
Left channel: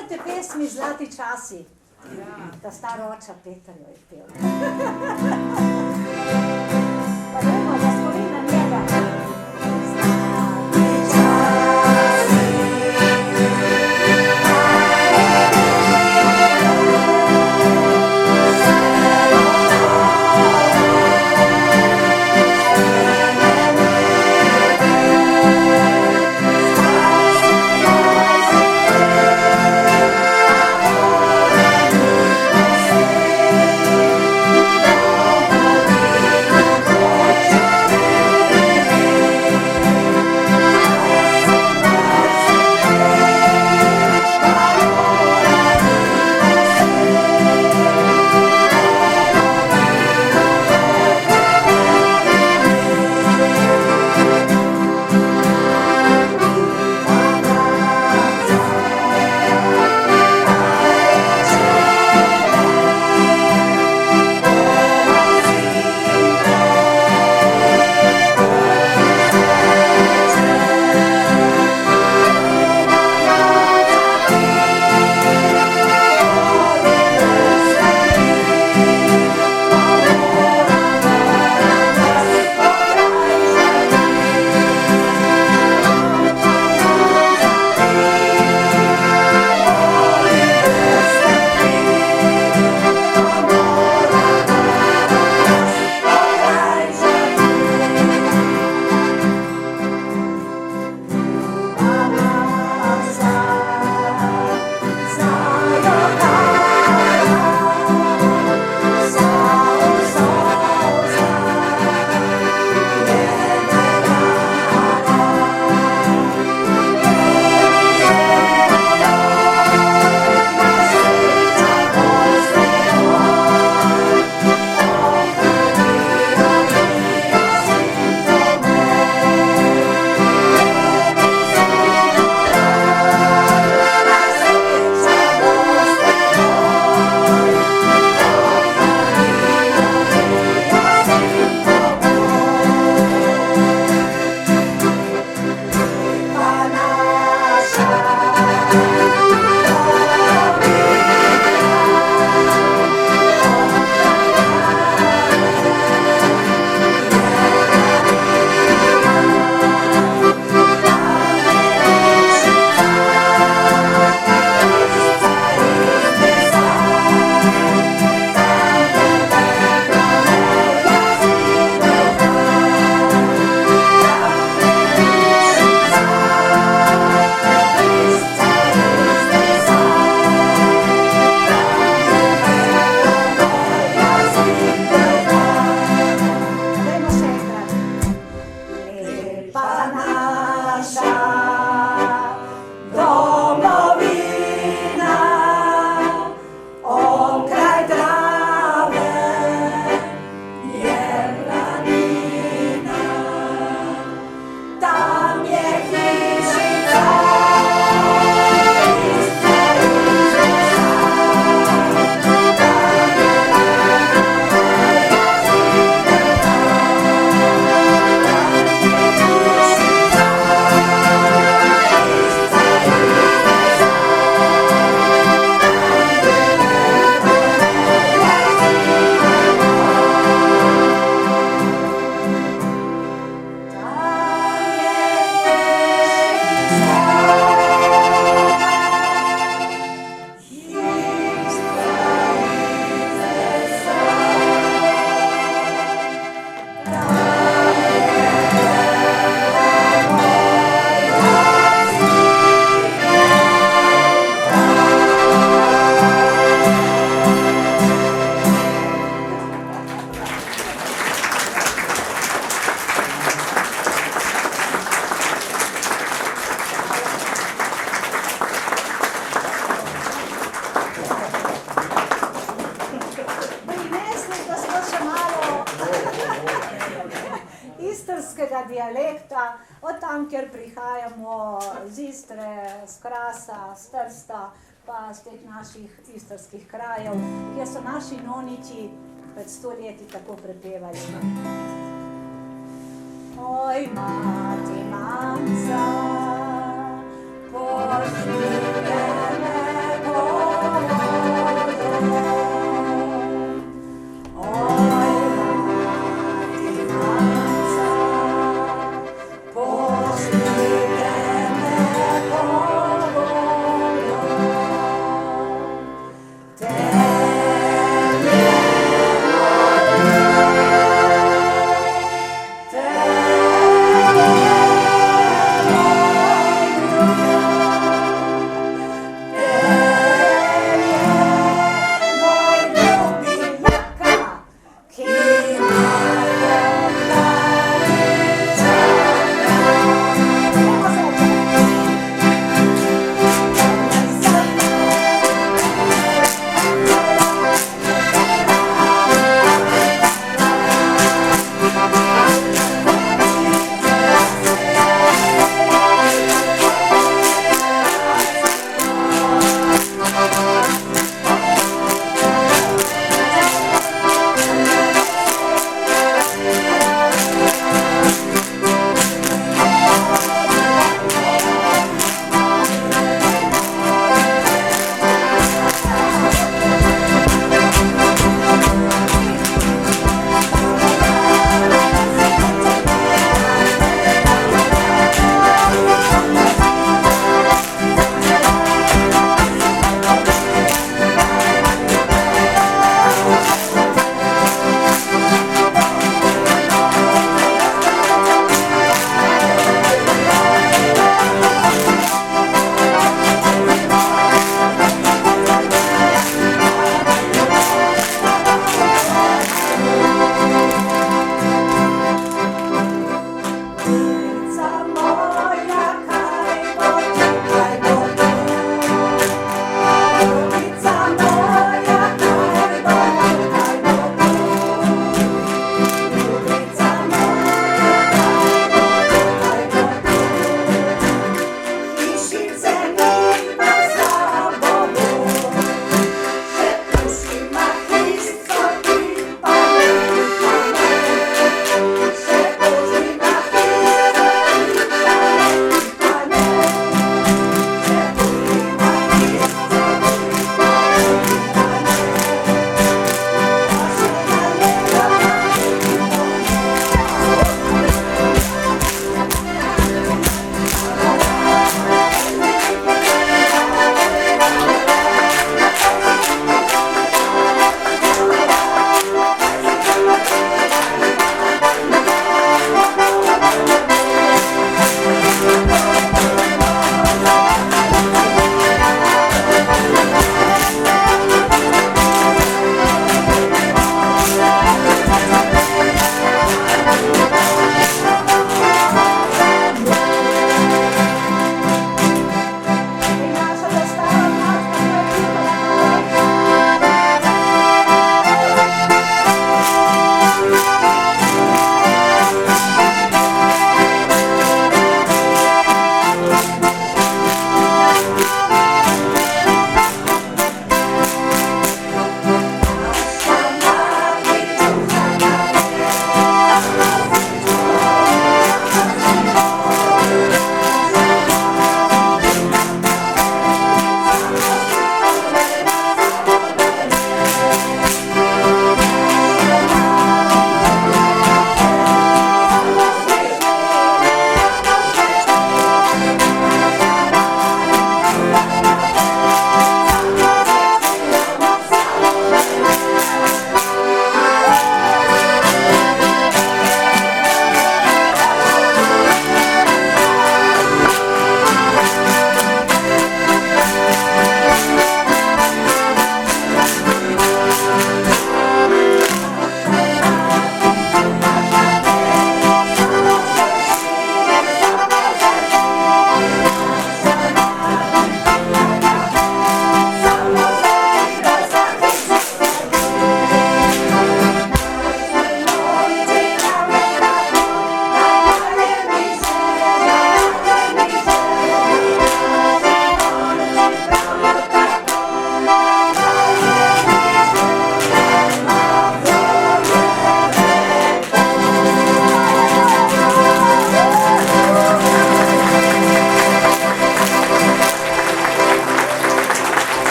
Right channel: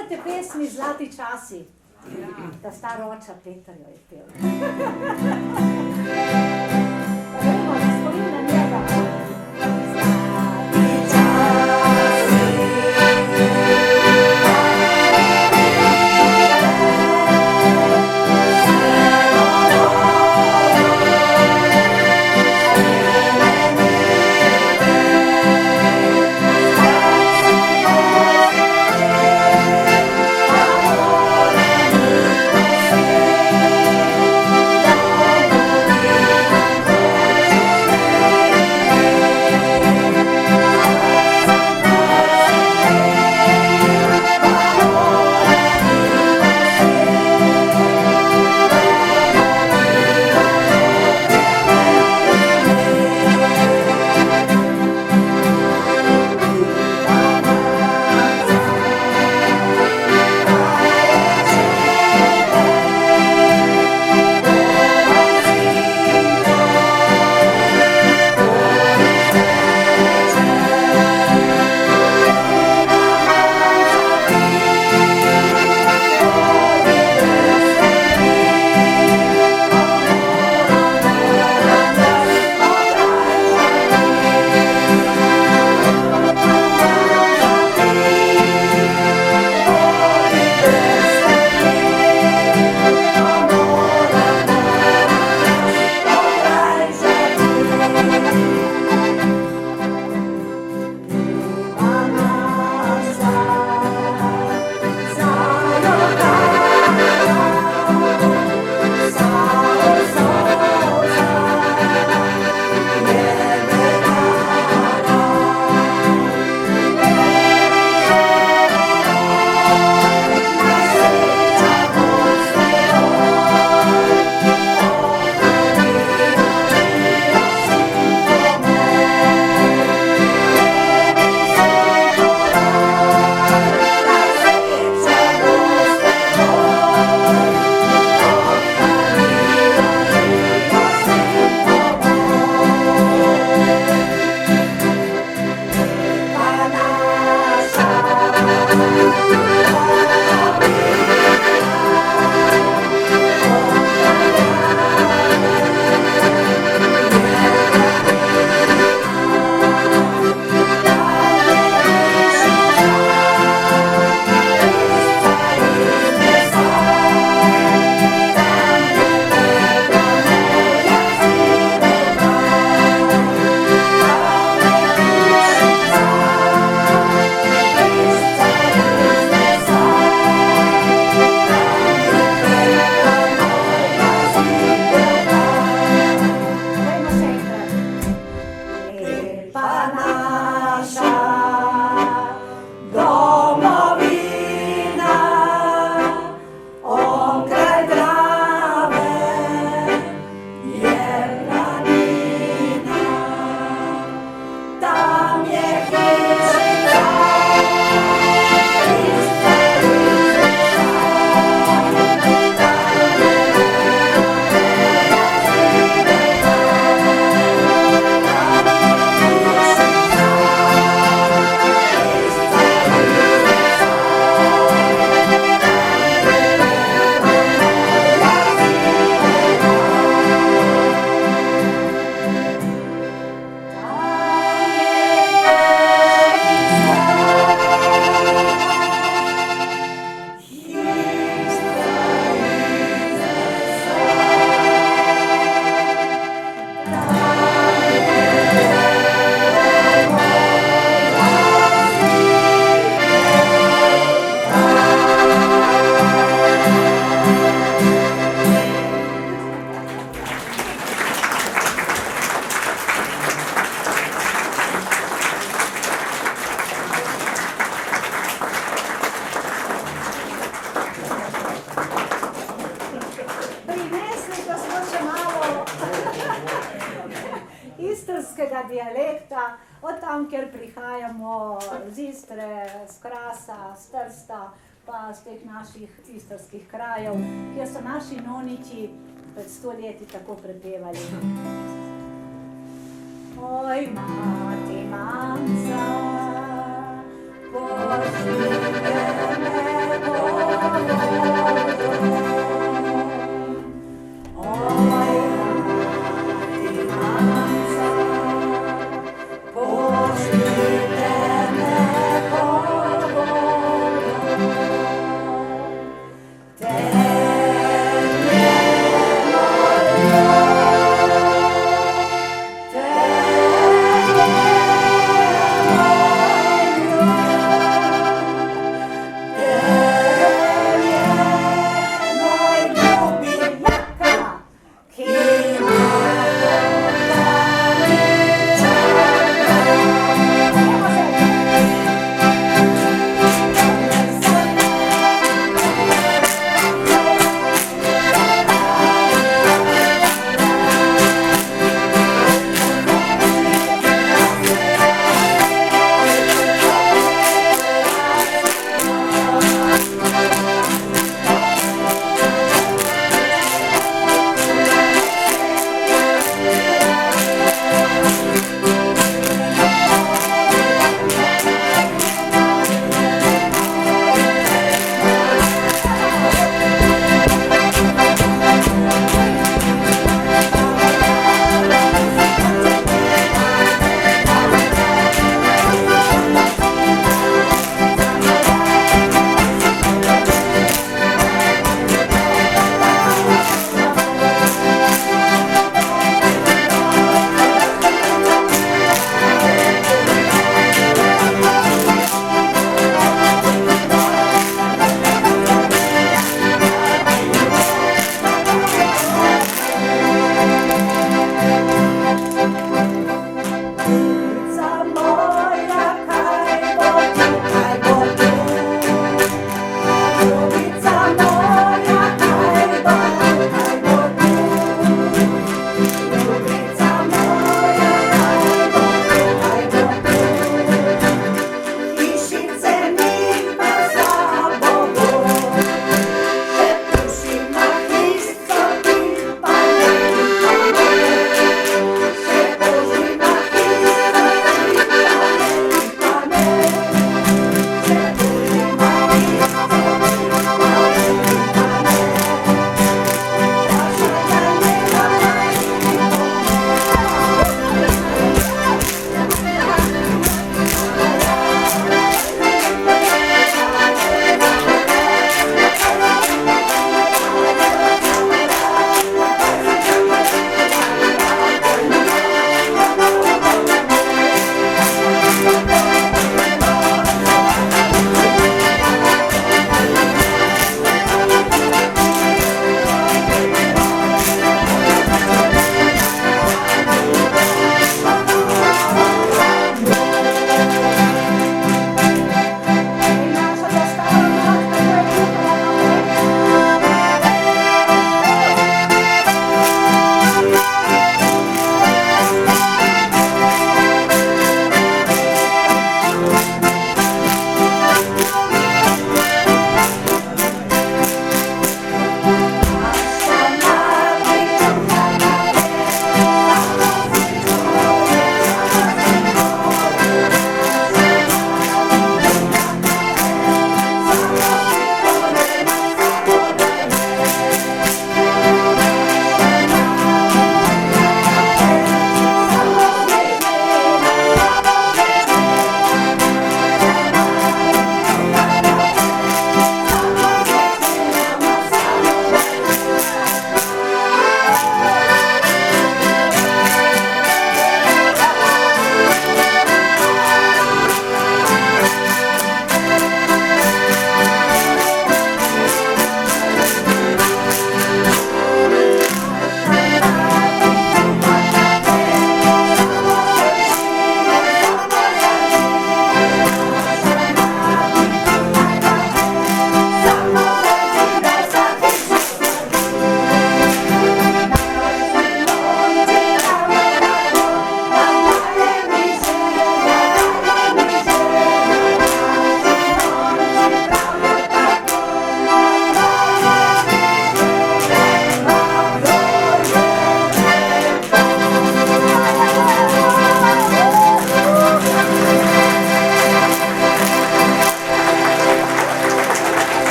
spomnite pesmi Zlati časi? Ta stara oča Peter jo je pel. Pa gremo za spomin na njega. Zlati časi, istrskega dialekta, od tam, kjer prihajamo z Istre, z Krasa, z Trsta, pa z teh naših istrskih krajev, kjer so naši noniči pred 100 leti tako prepevali. Oj, mati, mamca, pozdravljene Thank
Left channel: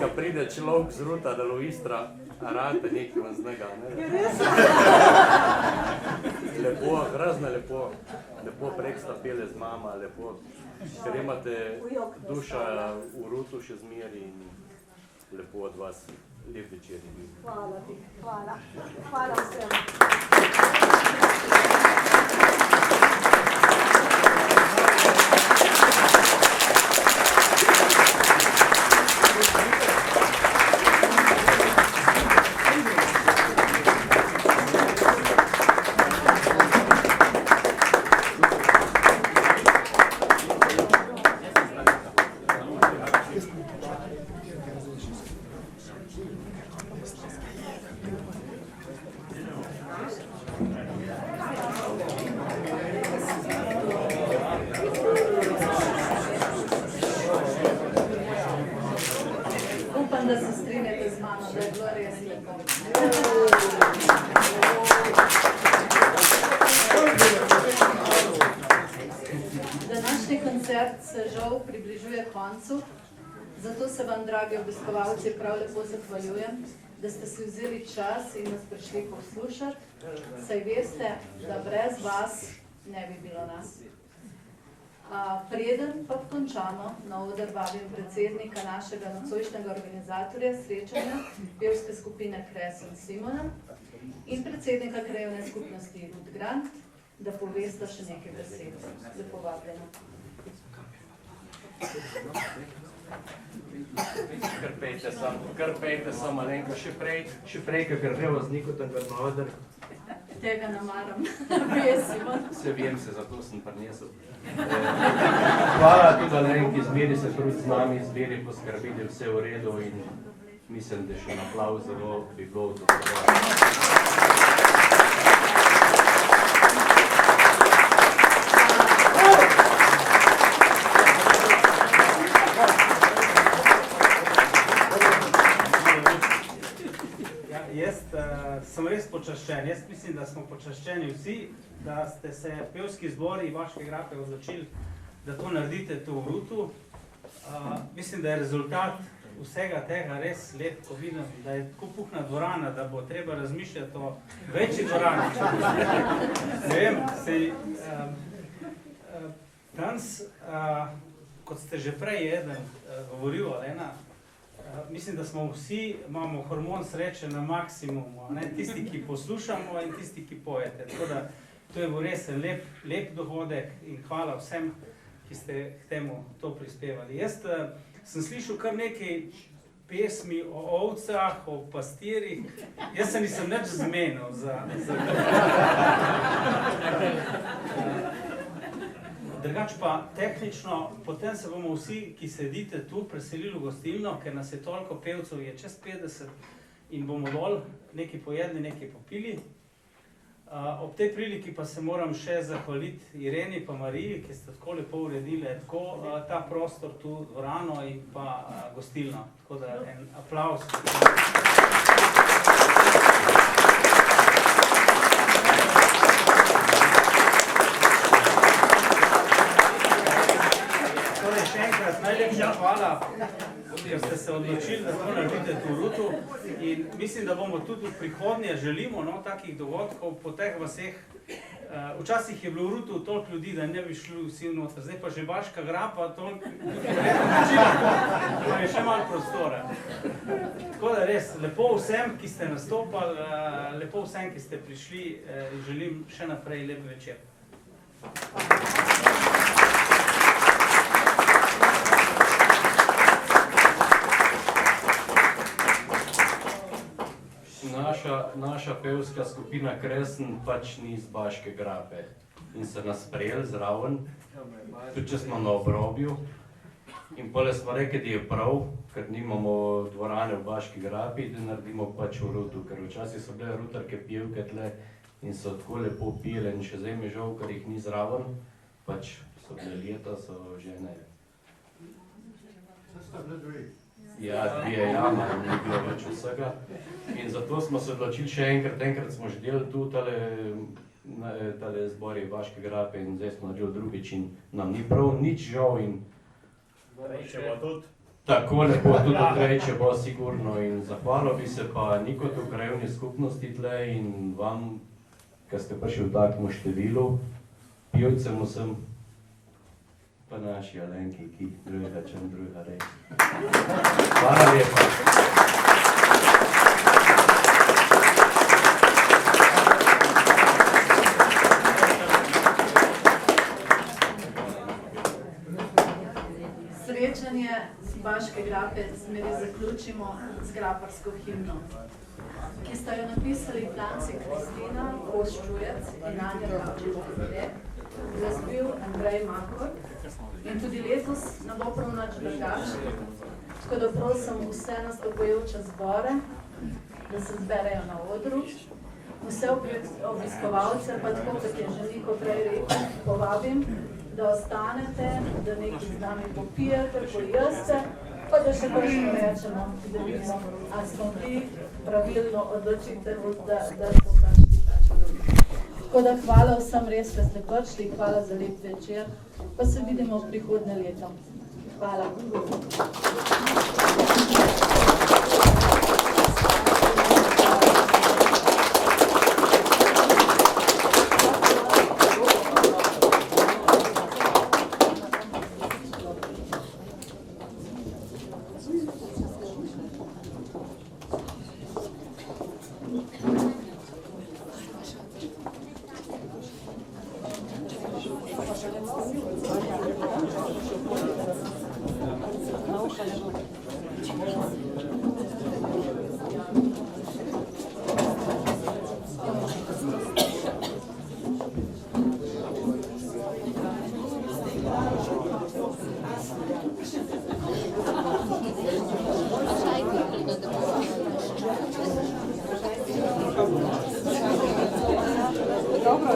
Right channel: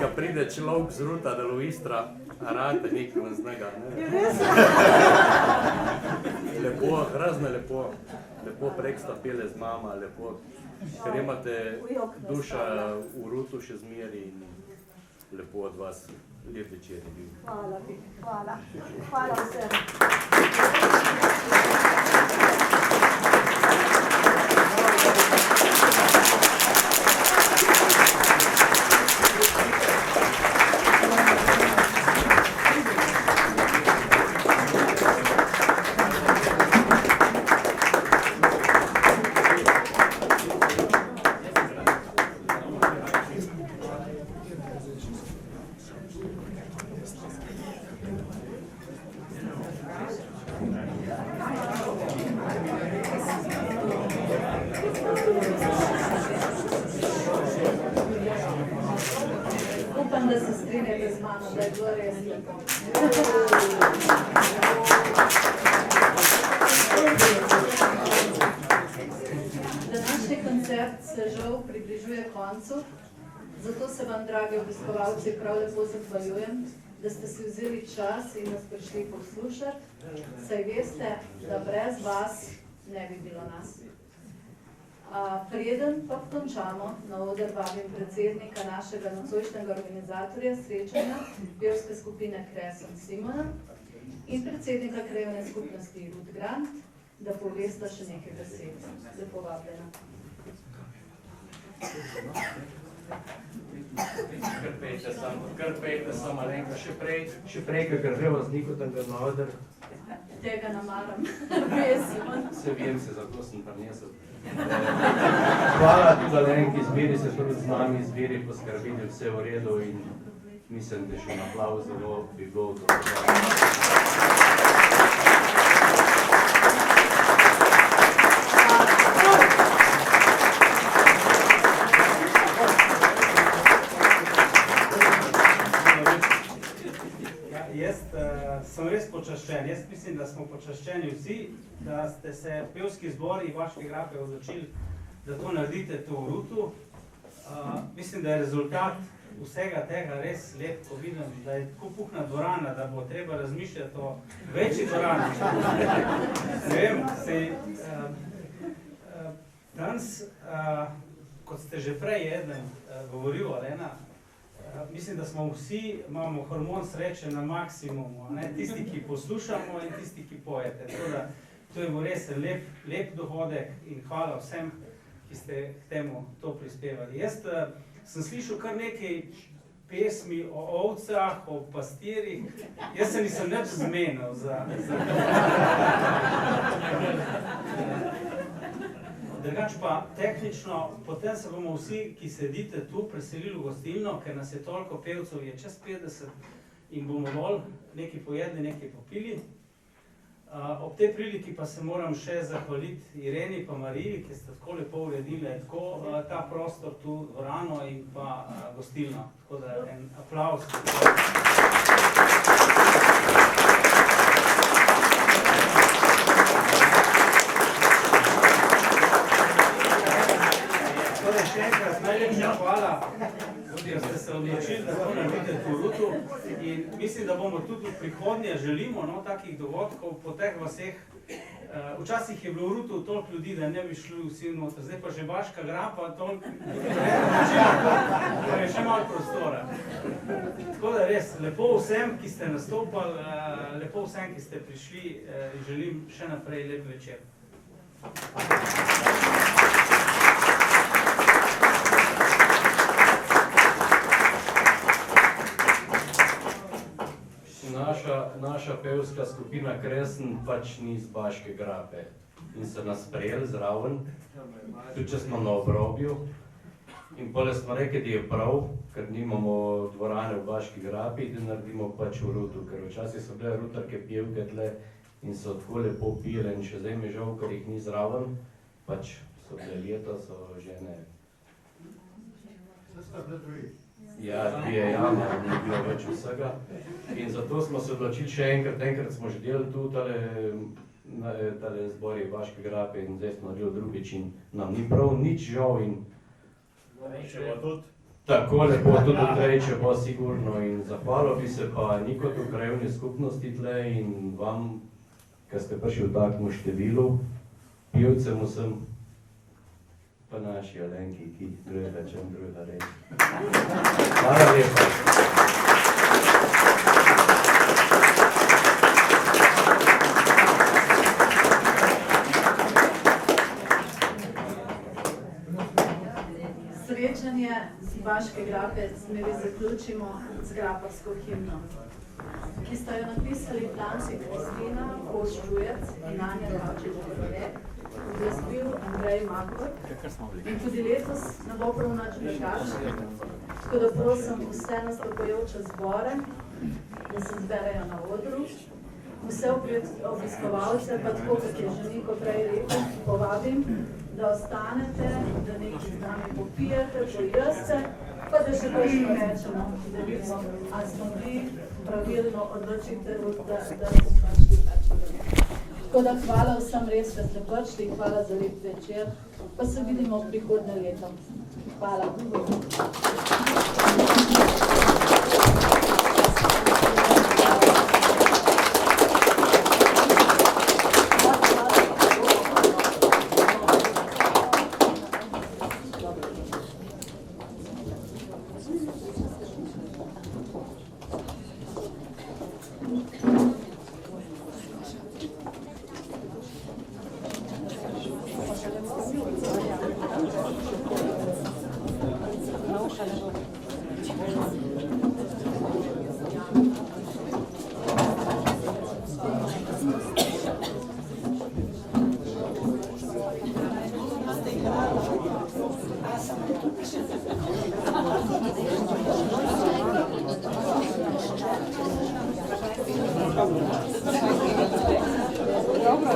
Ko pride človek z Ruta do Istra, rade nekaj vam znega, ne? Lepo, razno lepo. Lepo preksta pele z mama, lepo. Ker imate duša v Rutu še zmeri in lepo od vas. Lep večer je bil. Hvala ti, hvala. Hvala vsem. Upam, da se strinjate z mano, da je bilo res lepo. Današnji koncert se žal približuje koncu, zato se vam, dragi obiskovalci, prav lepo zahvaljujem, da ste si vzeli čas in nas prišli poslušati, saj veste, da brez vas ne bi bilo nas. Preden pa končamo, na oder vabim predsednika našega nocojšnjega organizatorja srečanja, pevske skupine Kres in Simona in predsednika krajevne skupnosti Rud Grant, da povesta še nekaj besed. Lepo vabljena. Kar pejte samo malenko, še prej, kakor že vozniku, da ga na oder. Tega namaram, res, Simon. Se vem se, zato sem prinesel. Hvala tudi Alenki, zbiri se trud z nami, zbiri poskrbili vse v redu in mislim, da še na aplavz zelo bi bilo Sem res počaščen. Jaz mislim, da smo počaščeni vsi, da ste se pevski zbori Vaške grape odločili, da to naredite to v Rutu. Mislim, da je rezultat vsega tega res lep, ko vidim, da je tako puhna dvorana, da bo treba razmišljati o večji dvorani. Ne vem, danes, kot ste že prej eden govoril, Alena, mislim, da smo vsi, imamo hormon sreče na maksimumu, ne? Tisti, ki poslušamo in tisti, ki pojete. Teda, to je bil res lep dogodek in hvala vsem, ki ste k temu to prispevali. Jaz sem slišal kar nekaj pesmi o ovcah, o pastirih. Jaz se nisem nič zmenil za Drugač pa tehnično, potem se bomo vsi, ki sedite tu, preselili v gostilno, ker nas je toliko pevcev, je čez 50 in bomo dol nekaj pojedli, nekaj popili. Ob tej priliki pa se moram še zahvaliti Ireni pa Mariji, ki ste tako lepo uredili tako ta prostor tu, dvorano in pa gostilno. Tako da en aplavz. Še enkrat najlepša hvala, da ste se odločili, da to naredite v Rutu in mislim, da bomo tudi v prihodnje želimo takih dogodkov po teh vaseh včasih je bilo v Rutu toliko ljudi, da ne bi šli vsi noter, zdaj pa že Baška grapa, toliko, pa je še malo prostora. Tako da res, lepo vsem, ki ste nastopali, lepo vsem, ki ste prišli, želim še naprej lep večer. Naša pevska skupina Kresen pač ni iz Baške grape in se nas sprejeli zraven, tudi če smo na obrobju. In potem smo rekli, da je prav, ker nimamo dvorane v Baški grapi, da naredimo pač v Rutu, ker včasih so bile rutarke pevke tle in so tako lepo pile in še zdaj mi žal, ker jih ni zraven, pač so bile leta, so žene. Ja, dvije jame, ni bilo več vsega. In zato smo se odločili še enkrat smo že delali tu tale zbori Baške grape in zdaj smo naredili drugič in nam ni prav nič žal in tako lepo tudi odkrejče bo sigurno in zahvalil bi se pa Nikotu krajevni skupnosti tle in vam, ker ste prišli v takemu številu, pivcem vsem, pa naši Alenki, ki drugega čem drugega reči. Hvala lepa. Srečanje z Baške grape zmeri zaključimo z graparsko himno, ki sta jo napisali Franci Kristina Oščujec in Anja Kavčič-Bogolet, zaspil Andrej Makor in tudi letos ne bo prav nič drugače, tako da prosim vse nastopajoče zbore, da se zberejo na odru, vse obiskovalce, pa tako, kot je že Niko prej rekel, povabim, da ostanete, da nekaj z nami popijete, pojeste, pa da še prejšnjo rečemo, da vidimo, ali smo bili pravilno odločitev, da smo prišli ta čudovno. Tako da hvala vsem res, da ste prišli, hvala za lep večer, pa se vidimo prihodnje leto. Hvala. Dobro,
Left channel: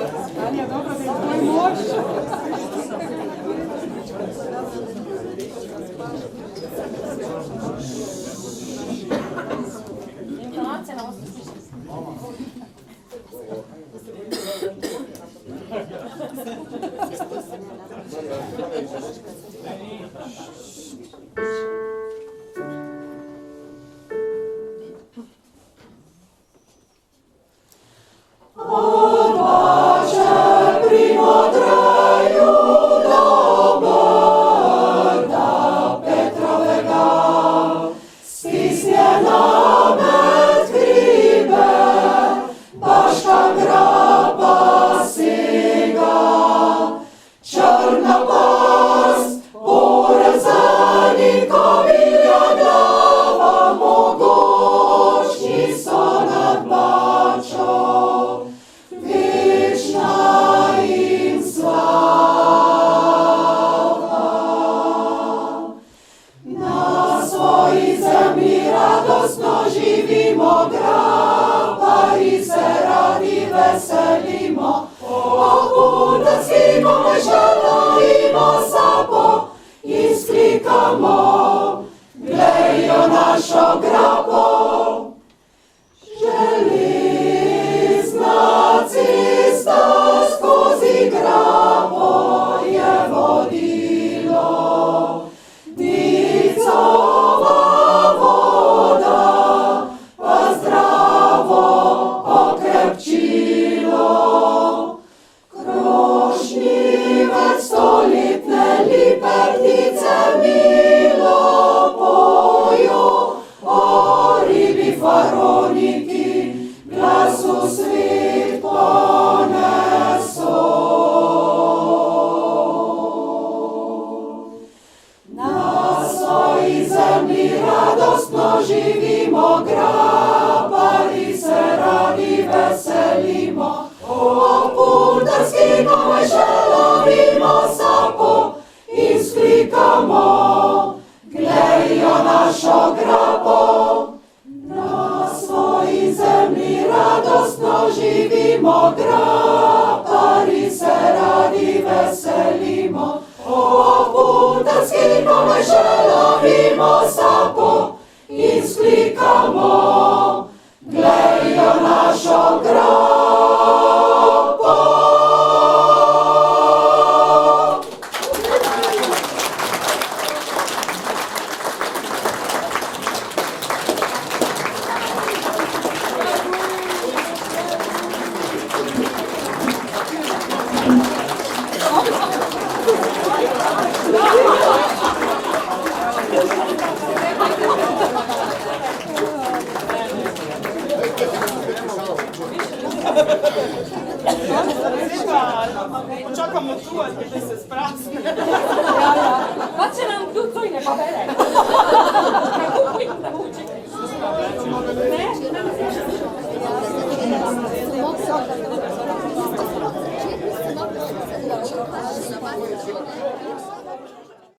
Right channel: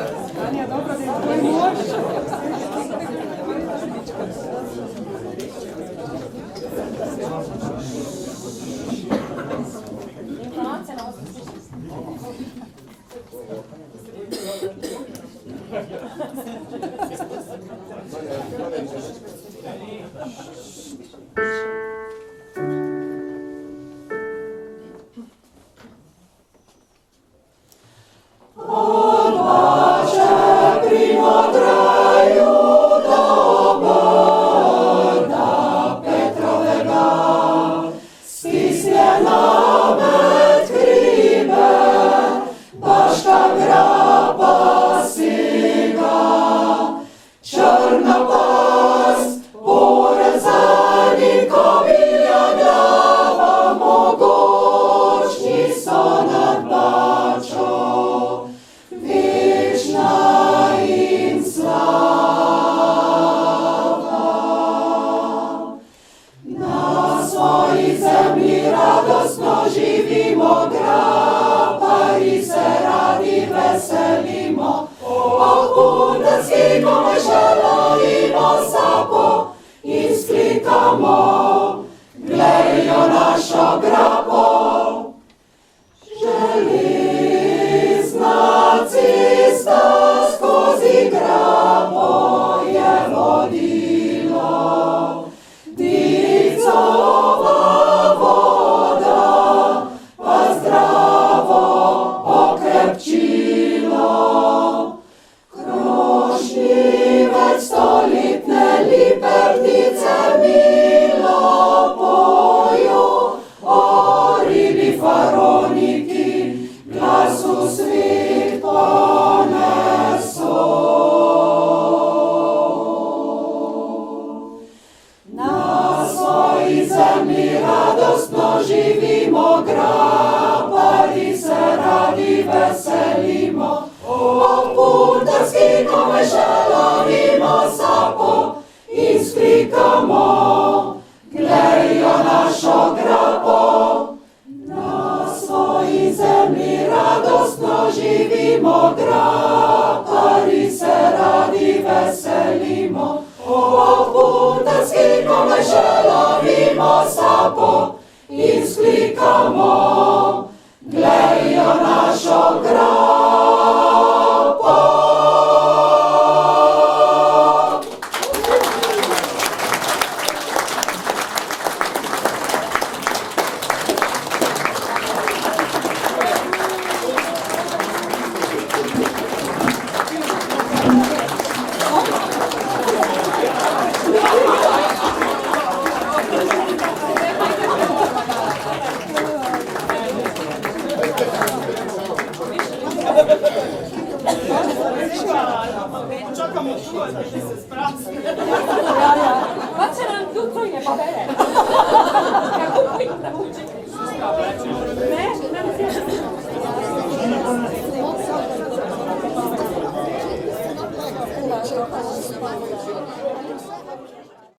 Anja, dobro, da je tvoj mož. Informacija na ostro slišati. želovimo sapo in sklikamo, glejo našo grapo. Na svoji zemlji radostno živimo, grapari se radi veselimo. Po putarski komaj želovimo sapo in sklikamo, glejo našo grapo. Pa će nam kdo to i ne pobere. Kako uvijek da učite. Ne, ne mi se